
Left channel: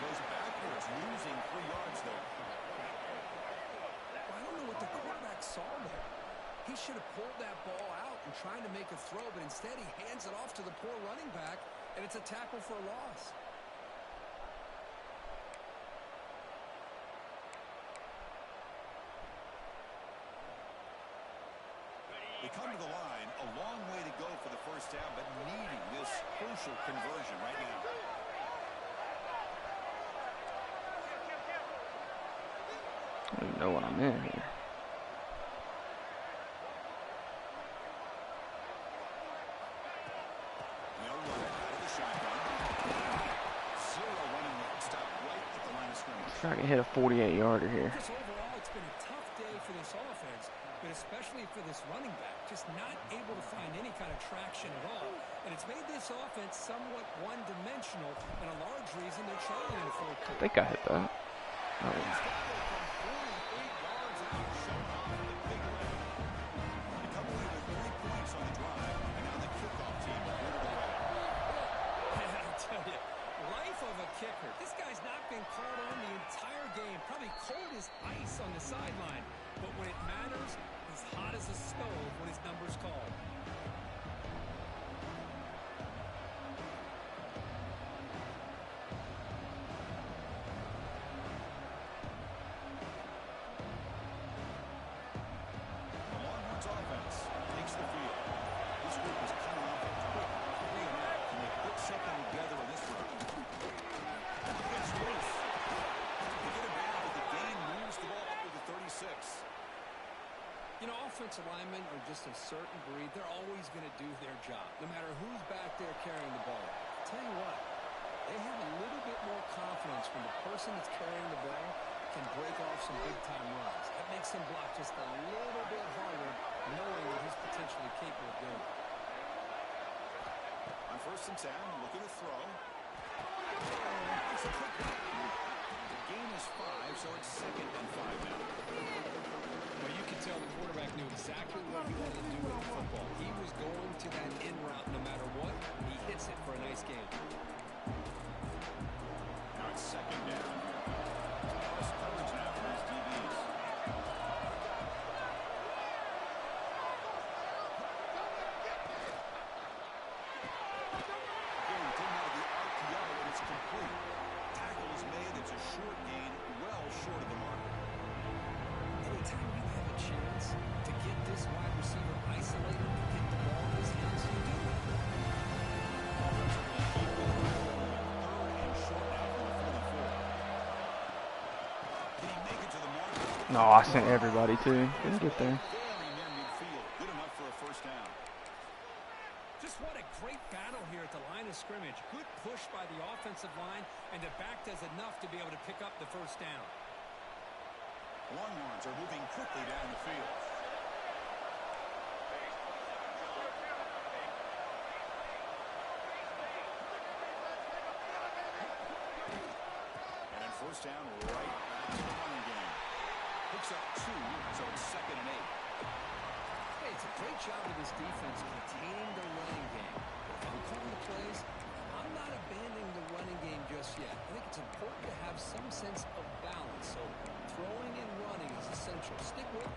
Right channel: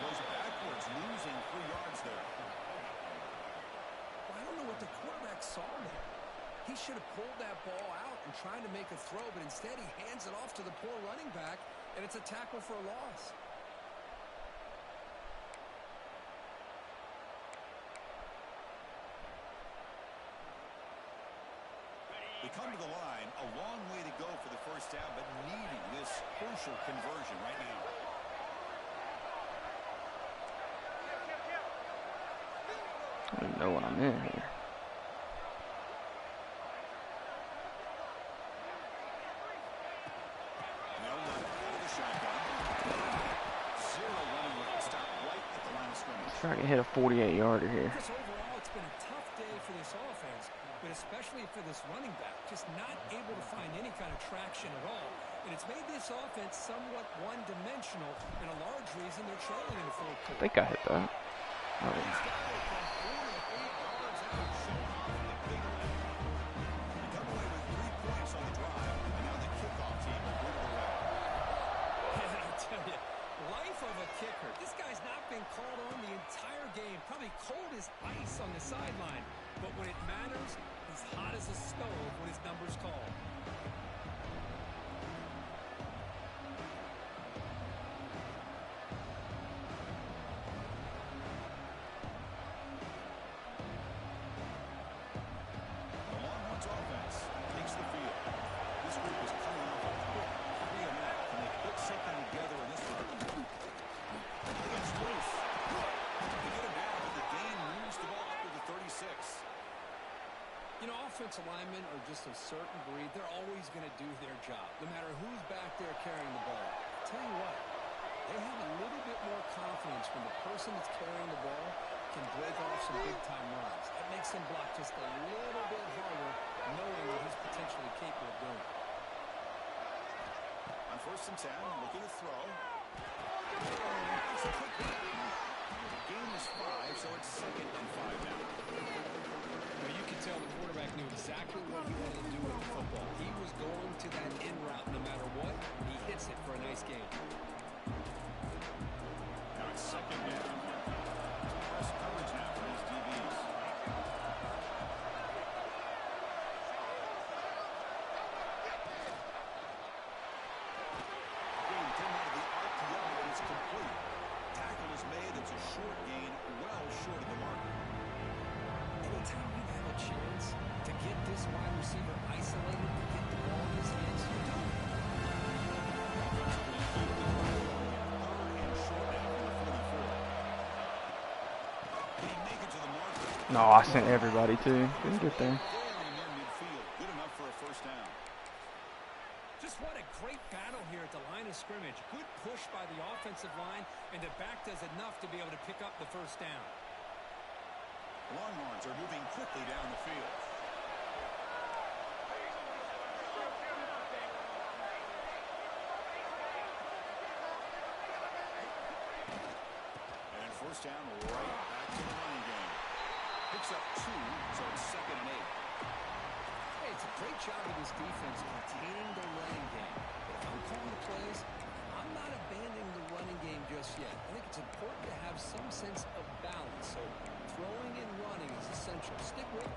Goes backwards, losing 3 yards there. Well, I don't know what the quarterback saw there. He should have pulled that ball out and tried to make a throw, but instead he hands it off to the poor running back, and it's a tackle for a loss. They come to the line, a long way to go for the first down, but needing this crucial conversion right now. I don't even know what I'm in here. They'll run it out of the shotgun. 0 running room. Stop right at the line of scrimmage. Let's try to hit a 48-yarder here. Chris, overall, it's been a tough day for this offense, but especially for this running back, just not able to find any kind of traction at all. And it's made this offense somewhat one-dimensional, and a large reason they're trailing in the fourth quarter. I think I hit that. Oh, yeah. He's got it from 48 yards out, showing off the big leg. They come away with 3 points on the drive, and now the kickoff team will put it away. And I tell you, life of a kicker. This guy's not been called on the entire game. Probably cold as ice on the sideline. But when it matters, he's hot as a stove when his number's called. The Longhorns offense takes the field. This group is coming off a quick 3-and-out. Can they put something together in this run? It's loose. They get him down, but the gain moves the ball up to the 36. You know, offensive linemen are just a certain breed. They're always going to do their job, no matter who's back there carrying the ball. I'll tell you what, they have a little bit more confidence when the person that's carrying the ball can break off some big-time runs. That makes him block just a little bit harder, knowing what he's potentially capable of doing. On 1st and 10, looking to throw. It's a quick one. The game is 5, so it's 2nd and 5 now. Well, you can tell the quarterback knew exactly what he wanted to do with the football. He was going to that in route no matter what. He hits it for a nice gain. Now it's 2nd down. Press coverage now for his DBs. Again, taken out of the RPO, and it's complete. Tackle is made. It's a short gain, well short of the marker. Anytime you have a chance to get this wide receiver isolated, get the ball in his hands, you do it. Offensively, keep the drive going here. 3rd and short now from the 44. Can he make it to the marker? No, I sent everybody too. Didn't get there. Very near midfield. Good enough for a first down. Just what a great battle here at the line of scrimmage. Good push by the offensive line, and the back does enough to be able to pick up the first down. Longhorns are moving quickly down the field. And first down, right back to the running game. Picks up 2, so it's 2nd and 8. Hey, it's a great job of this defense containing the running game. But if I'm calling the plays, I'm not abandoning the running game just yet. I think it's important to have some sense of balance. So throwing and running is essential. Stick with it.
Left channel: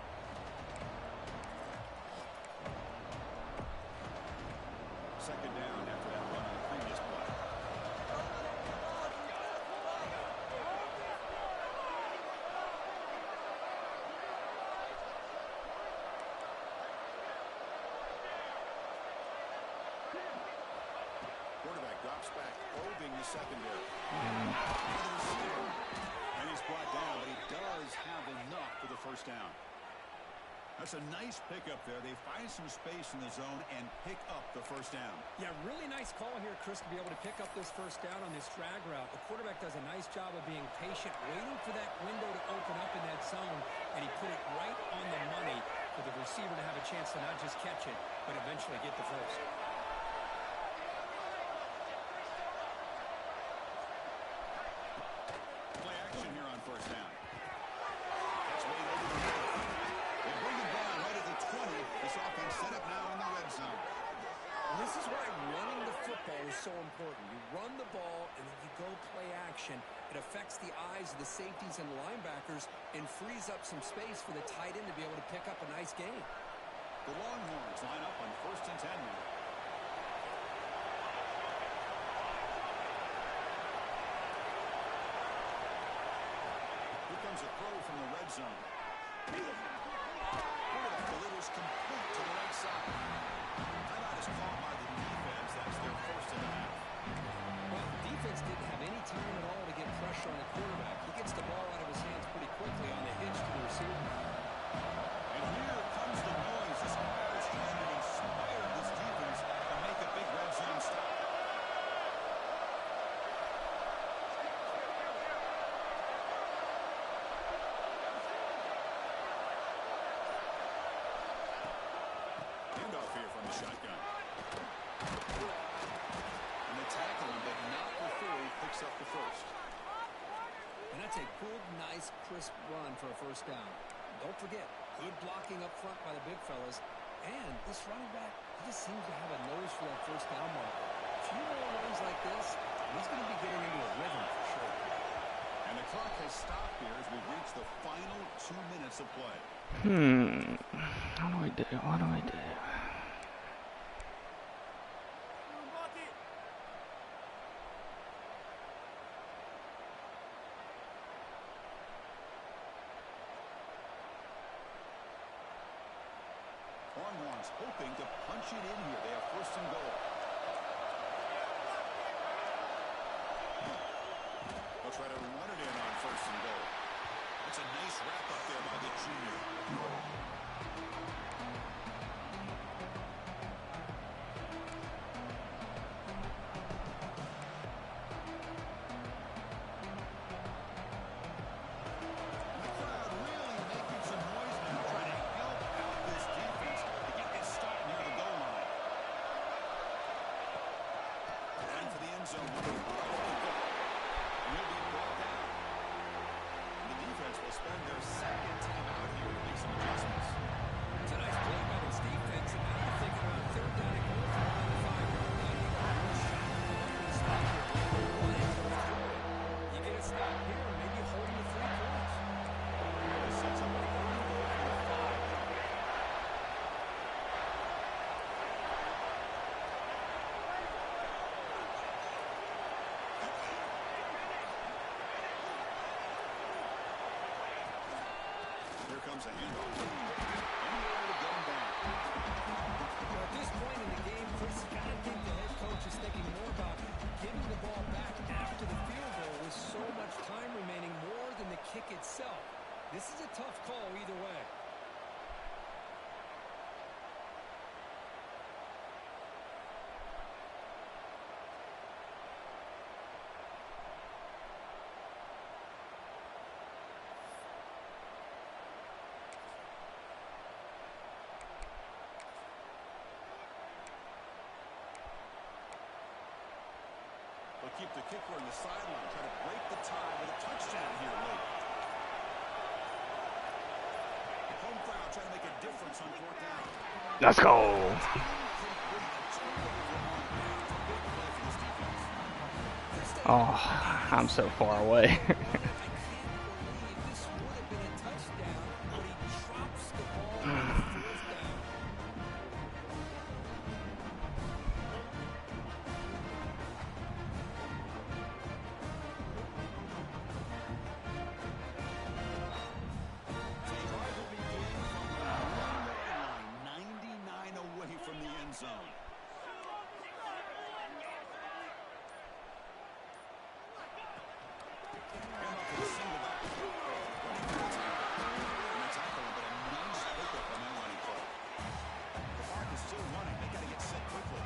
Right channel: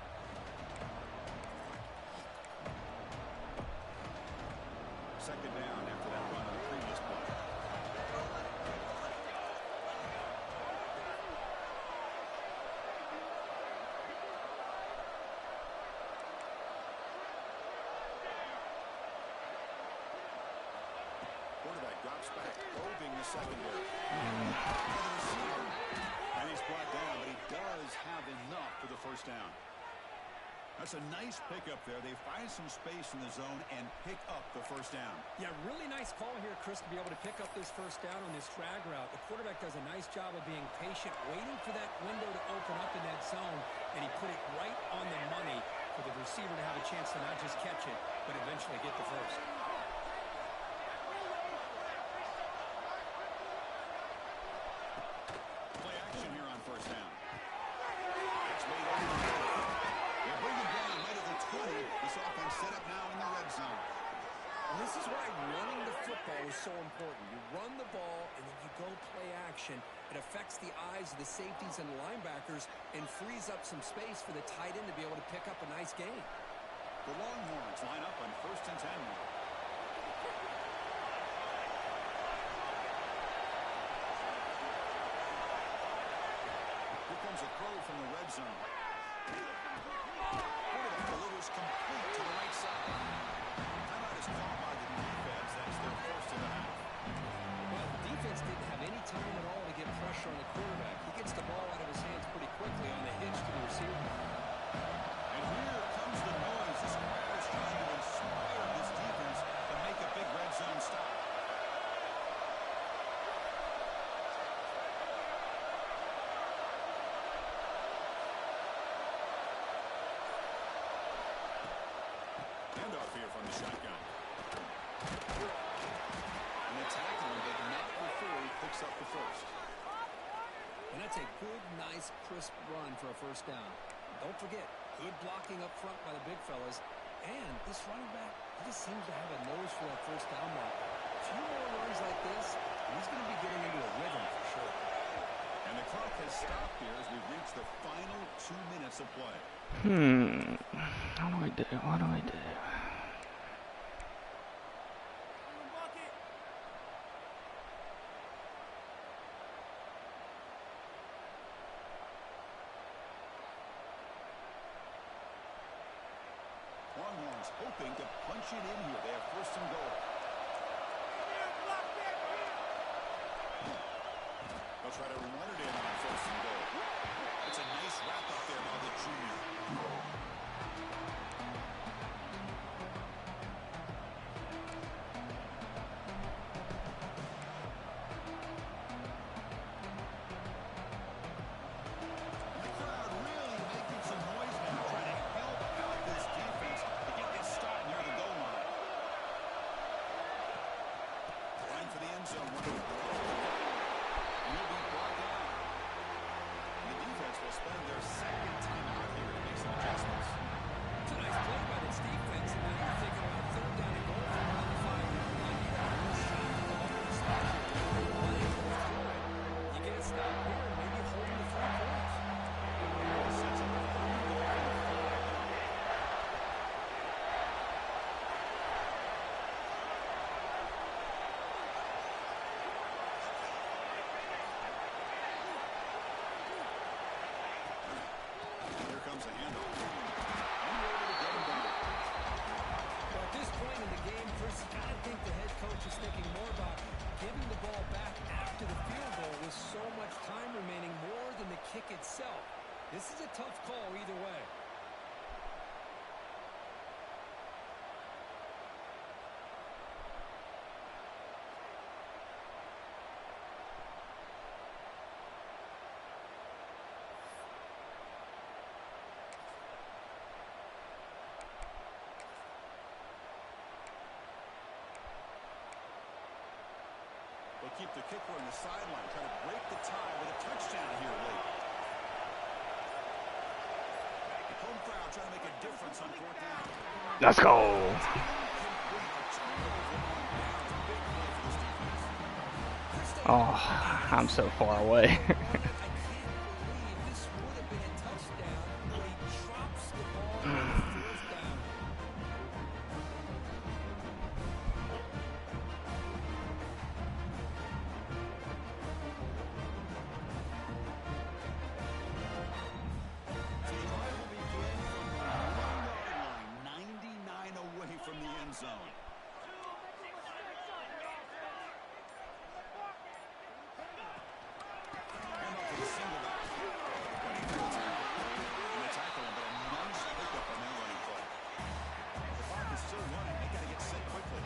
Second down after that run on the previous play. Quarterback drops back, probing the secondary. And he's brought down, but he does have enough for the first down. That's a nice pickup there. They find some space in the zone and pick up the first down. Yeah, really nice call here, Chris, to be able to pick up this first down on this drag route. The quarterback does a nice job of being patient, waiting for that window to open up in that zone, and he put it right on the money for the receiver to have a chance to not just catch it, but eventually get the first. Play action here on first down. That's made over the middle. They bring him down right at the 20. This offense set up now in the red zone. And this is why running the football is so important. You run the ball, and then you go play action. It affects the eyes of the safeties and linebackers and frees up some space for the tight end to be able to pick up a nice gain. The Longhorns line up on 1st and 10 now. Here comes a throw from the red zone. Quarterback delivers complete to the right side. Timeout is called by the defense. That's their first of the half. Well, the defense didn't have any time at all to get pressure on the quarterback. He gets the ball out of his hands pretty quickly on the hitch to the receiver. And here comes the noise. This crowd is trying to inspire this defense to make a big red zone stop. Handoff here from the shotgun. And they tackle him, but not before he picks up the first. And that's a good, nice, crisp run for a first down. Don't forget, good blocking up front by the big fellas. And this running back, he just seems to have a nose for that first down marker. A few more runs like this, and he's going to be getting into a rhythm for sure. And the clock has stopped here as we reach the final 2 minutes of play. What do I do? What do I do? Bucket. Longhorns hoping to punch it in here. They have 1st and goal. They'll try to run it in on 1st and goal. It's a nice wrap up there by the junior. And the crowd really making some noise now, trying to help out this defense to get this stop near the goal line. Line for the end zone, one right at the goal. And he'll be brought down. And the defense will spend their second time out here to make some adjustments. It's a nice play by this defense, and now you're thinking about 3rd down and goal from around the 5-yard line. You got a real shot to come up with a stop here. Whether you run it or throw it, you get a stop here and maybe hold the 3 points. This sets up a 3rd and goal from the 5 now. Here comes a handoff. And we're able to get him down. Well, at this point in the game, Chris, you got to think the head coach is thinking more about giving the ball back after the field goal with so much time remaining more than the kick itself. This is a tough call either way. They'll keep the kicker on the sideline, try to break the tie with a touchdown here late. The home crowd trying to make a difference on 4th down. Let's go. Incomplete. A turnover on downs. Big play for this defense. Chris, they Oh, had I'm so far away. I can't believe this would have been a touchdown, but he drops the ball on 4th down. The drive will begin from the 1-yard line, 99 away from the end zone. Hand off to the single back. Running through the tackle. And they tackle him, but a nice pickup on that running play. The clock is still running. They got to get set quickly.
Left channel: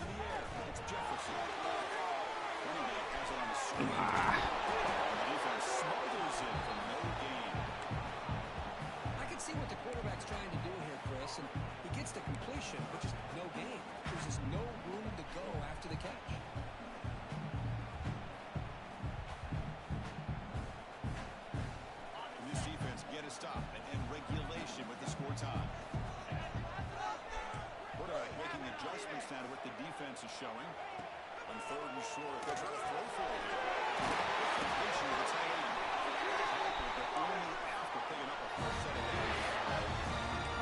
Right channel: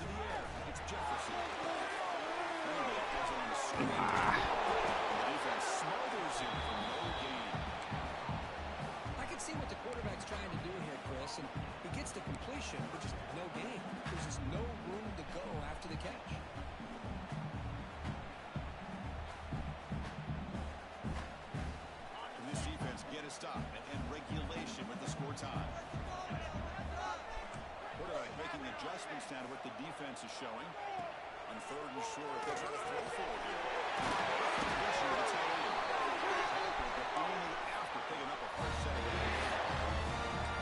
To the air. It's Jefferson. Running back has it on the screen. The defense smothers him for no gain. I can see what the quarterback's trying to do here, Chris, and he gets the completion, but just no gain. There's just no room to go after the catch. Can this defense get a stop and end regulation with the score tie? Quarterback making adjustments now to what the defense is showing. On 3rd and short, they're trying to throw for it here. Completion to the tight end. Tackled, but only after picking up a first set of downs.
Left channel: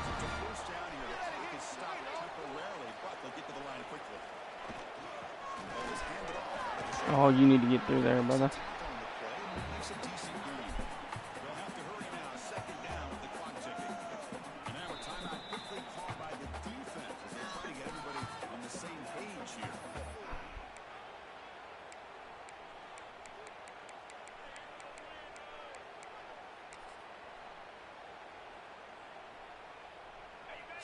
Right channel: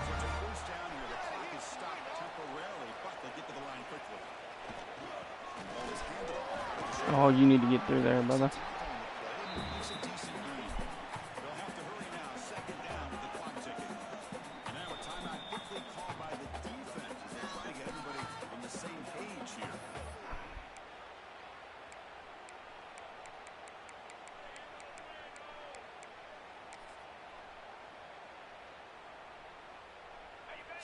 So it's a 1st down here. The clock is stopped temporarily, but they'll get to the line quickly. Ball is handed off. Oh, you need to get through there, brother. Tackle on the play makes a decent gain. They'll have to hurry now. 2nd down with the clock ticking. And now a timeout quickly called by the defense as they try to get everybody on the same page here.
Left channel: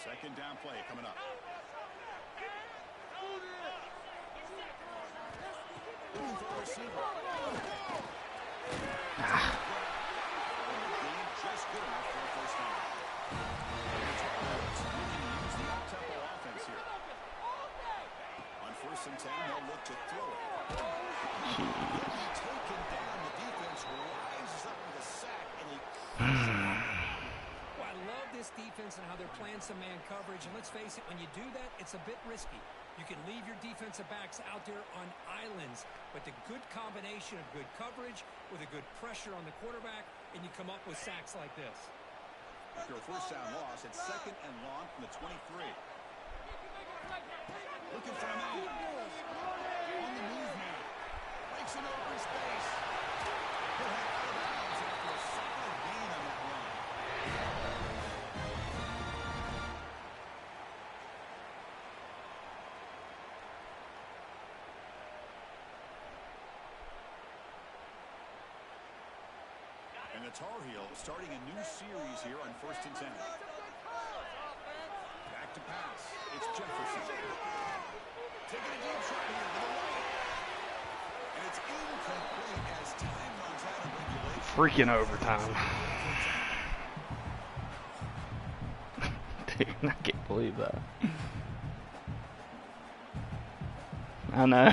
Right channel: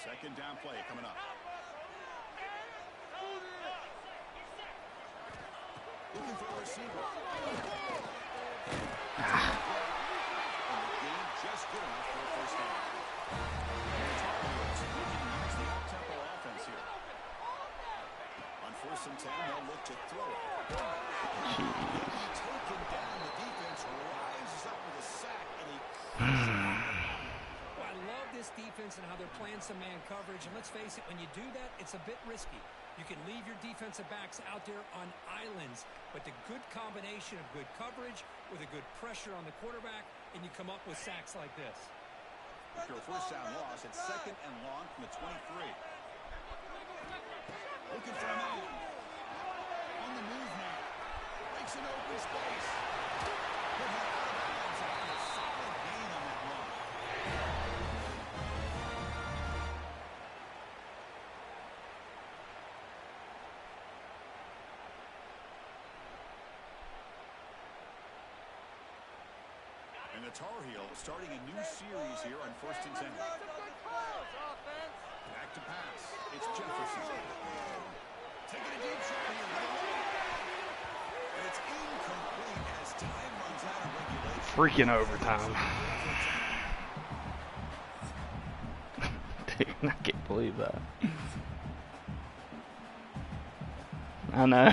Second down play coming up. Looking for a receiver. And the game just good enough for a 1st down. And the Tar Heels looking to use the up-tempo offense here. On 1st and 10, they'll look to throw it. He'll be taken down. The defense rises up with a sack, and he Well, I love this defense and how they're playing some man coverage. And let's face it, when you do that, it's a bit risky. You can leave your defensive backs out there on islands, but the good combination of good coverage with a good pressure on the quarterback, and you come up with sacks like this. after a 1st down loss, it's 2nd and long from the 23. Looking for a man. On the move now. Breaks an open space. He'll head out of bounds after a solid gain on that run. And the Tar Heels starting a new series here on 1st and 10. Back to pass. It's Jefferson. Taking a deep shot here to the right. And it's incomplete as time runs out of regulation. Freaking overtime. Dude, I can't believe that. I know.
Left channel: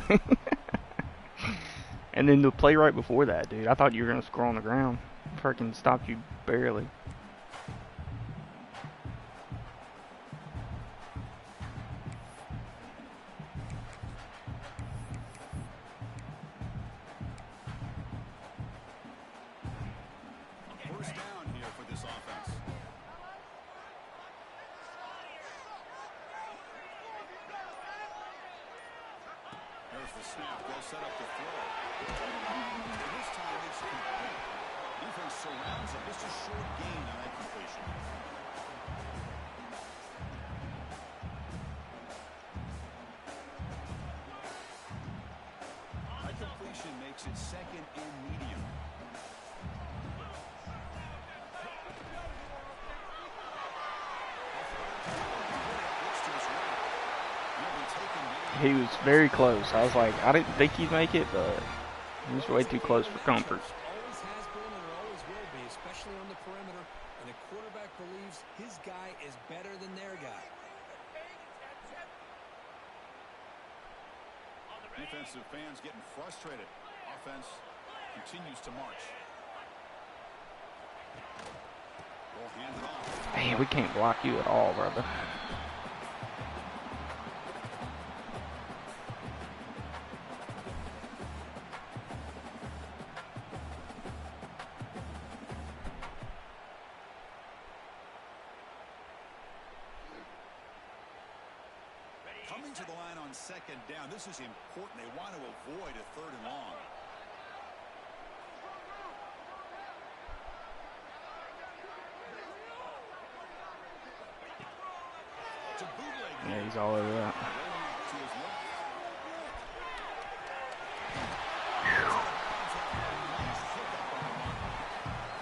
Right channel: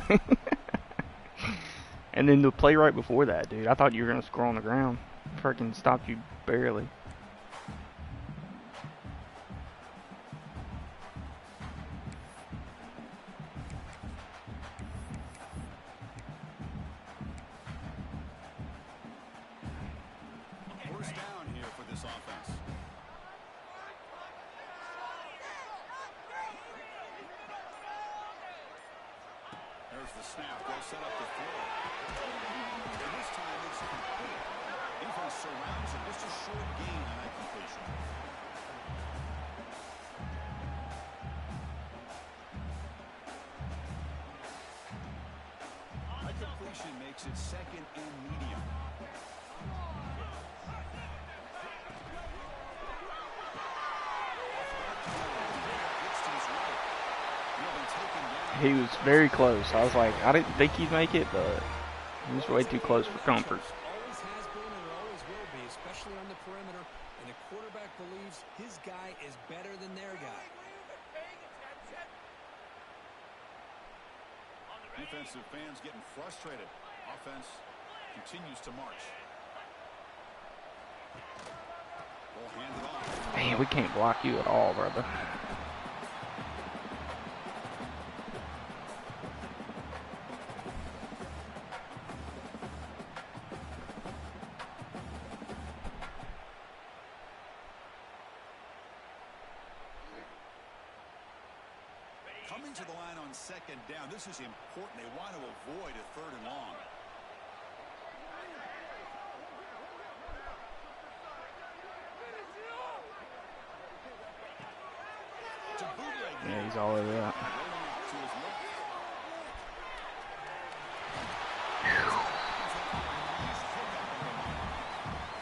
And then the play right before that, dude. I thought you were going to score on the ground. Freaking stopped you barely. First down here for this offense. There's the snap. They'll set up the throw. And this time it's complete. Defense surrounds it. Just a short gain on that completion. That completion makes it 2nd and medium. He was very close. I was like, I didn't think he'd make it, but he was way too close for comfort. Always has been and it always will be, especially on the perimeter. And the quarterback believes his guy is better than their guy. Defensive fans getting frustrated. Offense continues to march. They'll hand it off. Man, we can't block you at all, brother. Coming to the line on second down. This is important. They want to avoid a third and long. To bootleg. Yeah, he's all over that. To his left.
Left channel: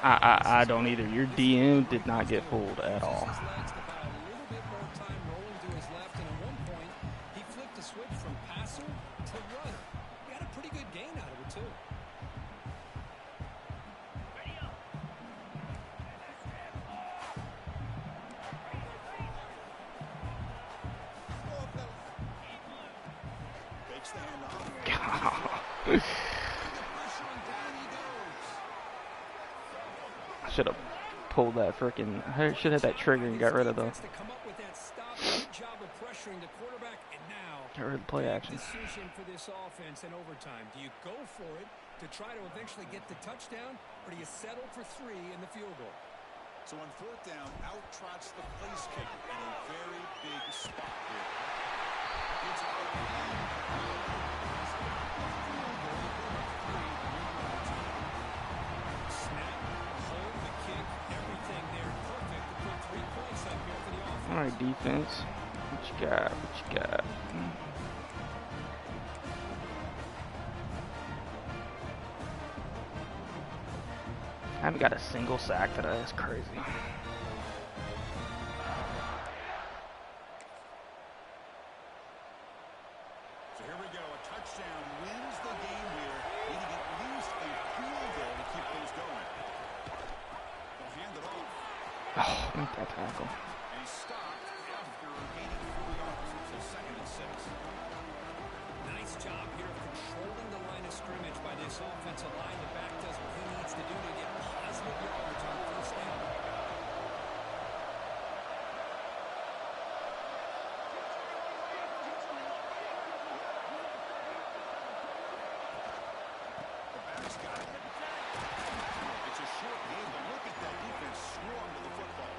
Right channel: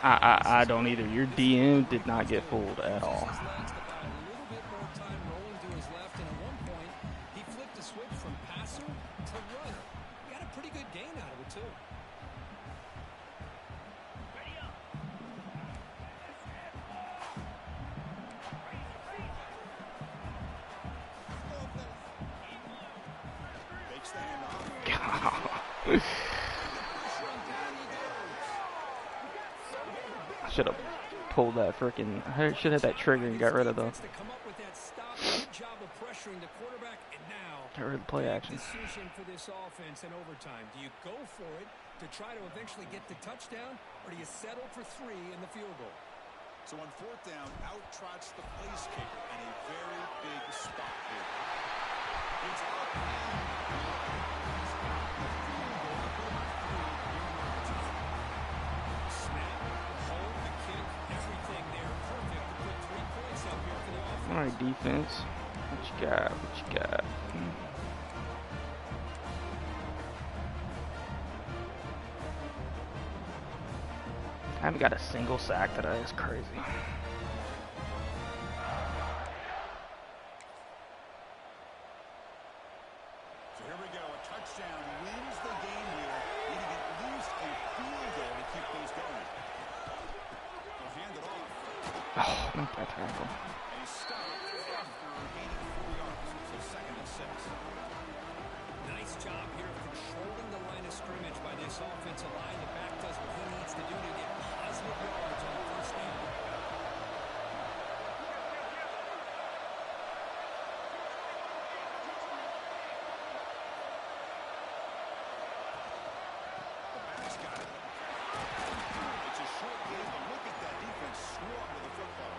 I don't either. Your DM did not get fooled at all. His legs to buy a little bit more time rolling to his left, and at one point he flipped a switch from passer to runner. He got a pretty good gain out of it too. Takes the handoff. Pressure on down he goes. I should have pulled that freaking. I should have had that trigger and got rid of the. Defense to come up with that stop. Good job of pressuring the quarterback, and now Get rid of the play big action. decision for this offense in overtime. Do you go for it to try to eventually get the touchdown, or do you settle for 3 in the field goal? So on fourth down, out trots the place kicker in a very big spot here. It's up and good. He's got the field goal to put him up 3 here in overtime. Snap, hold, the kick, everything there perfect to put 3 points up here for the offense. All right, defense. What you got? What you got? I haven't got a single sack today. That's crazy. So here we go. A touchdown wins the game here, needing at least a field goal to keep things going. They'll hand it off. Oh, make that tackle. And he's stopped after gaining 4 yards. So second and 6. Nice job here of controlling the line of scrimmage by this offensive line. The back does what he needs to do to get positive yards on first down. The back's got it. It's a short game, but look at that defense swarm to the football.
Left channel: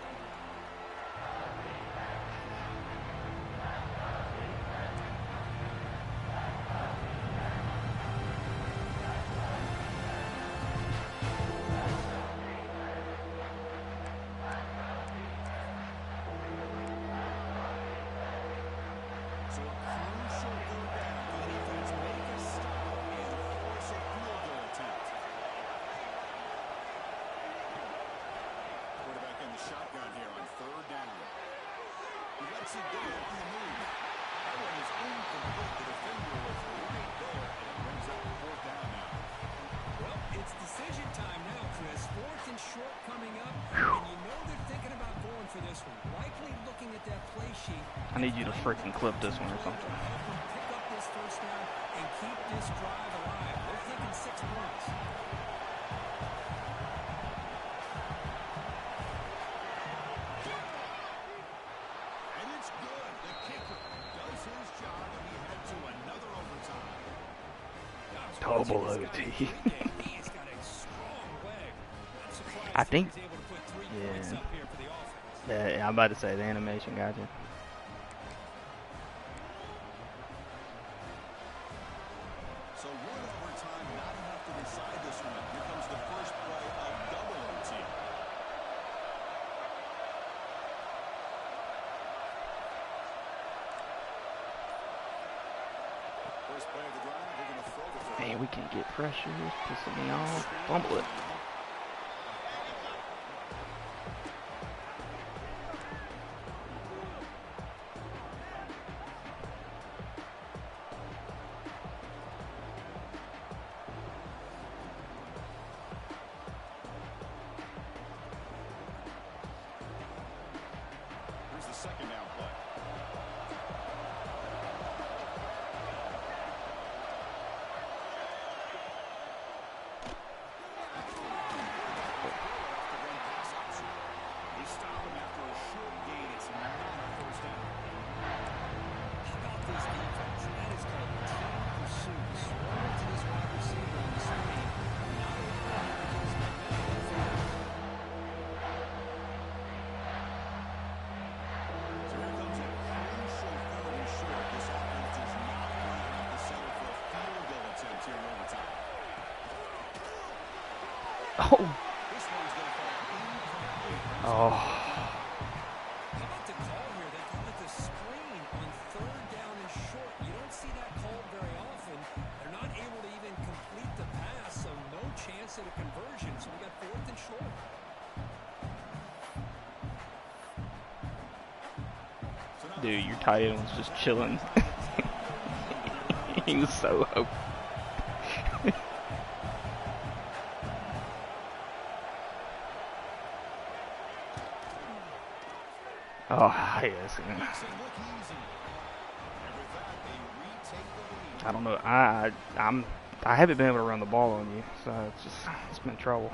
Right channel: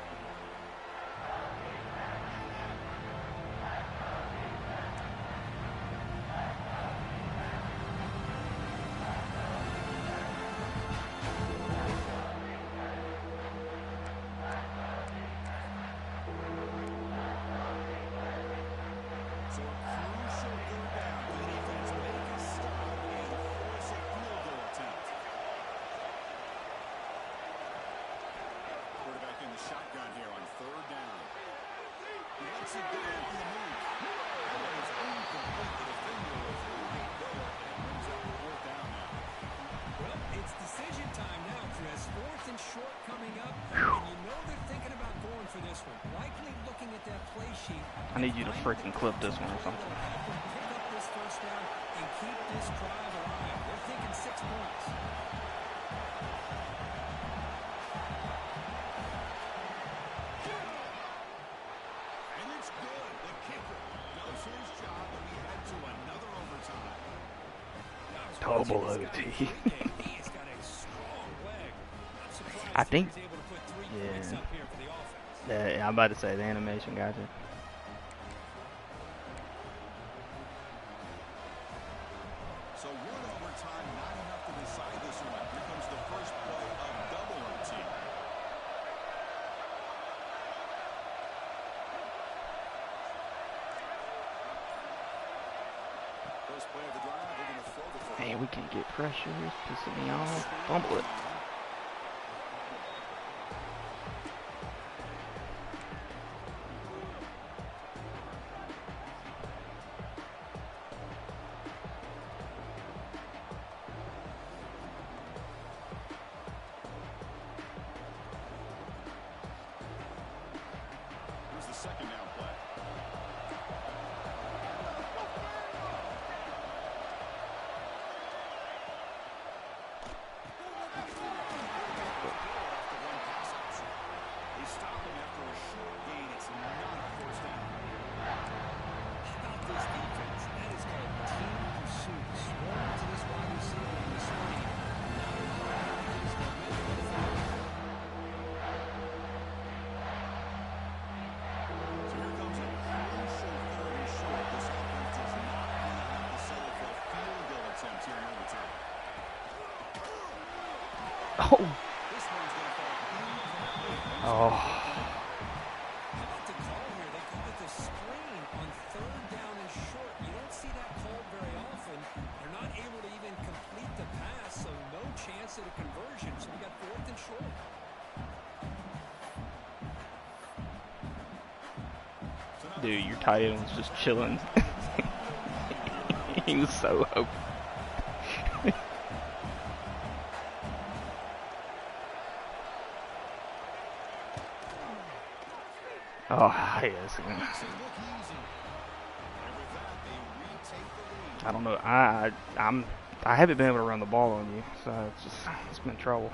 So a crucial third down for the defense. Make a stop and force a field goal attempt. Quarterback in the shotgun here on third down. He lets it go on the move. That one is incomplete. The defender was right there, and it brings up fourth down now. Well, it's decision time now, Chris. 4th and short coming up, and you know they're thinking about going for this one. Likely looking at that play sheet. I need you to freaking clip this one or something. Help them pick up this first down and keep this drive alive. They're thinking 6 points. And it's good. The kicker does his job, and we head to another overtime. Double He's got a OT. He's got a strong leg. Not surprised I think- he's able to put 3 yeah. points up here for the offense. Yeah, I'm about to say the animation got you. So one overtime, not enough to decide this one. Here comes the first play of double OT. First play of the drive, we're going to throw the football. Man, we can't get pressure. It's pissing me off. Fumble it. Here's the second down play. points here in overtime. Oh. This one's going to fall in. Oh. How about the call here? They call it the screen on third down and short. You don't see that called very often. They're not able to even complete the pass, so no chance at a conversion. So we got fourth and short. Dude, your tight end was just chilling. He was so open. Oh, yes. I don't know. I haven't been able to run the ball on you, so it's been trouble.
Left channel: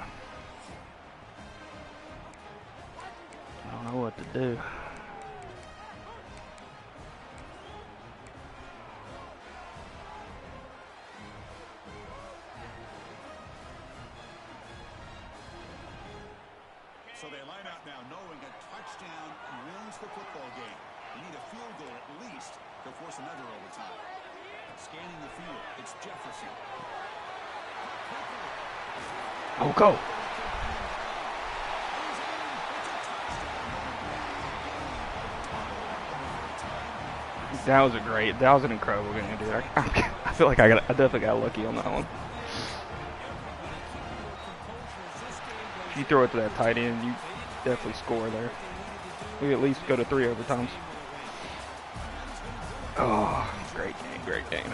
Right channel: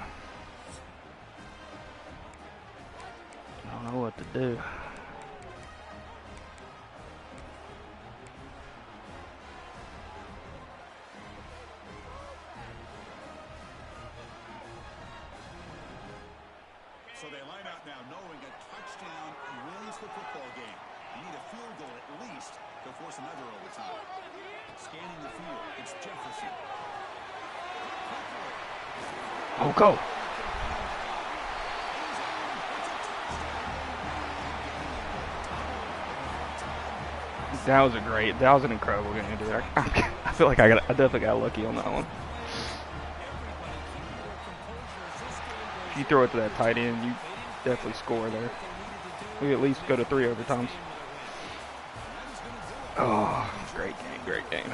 I don't know what to do. So they line out now knowing a touchdown wins the football game. You need a field goal at least to force another overtime. Scanning the field, it's Jefferson. Oh, go. That was an incredible game, dude. I feel like I definitely got lucky on that one. If you throw it to that tight end, you definitely score there. We at least go to 3 overtimes. Oh, great game, great game.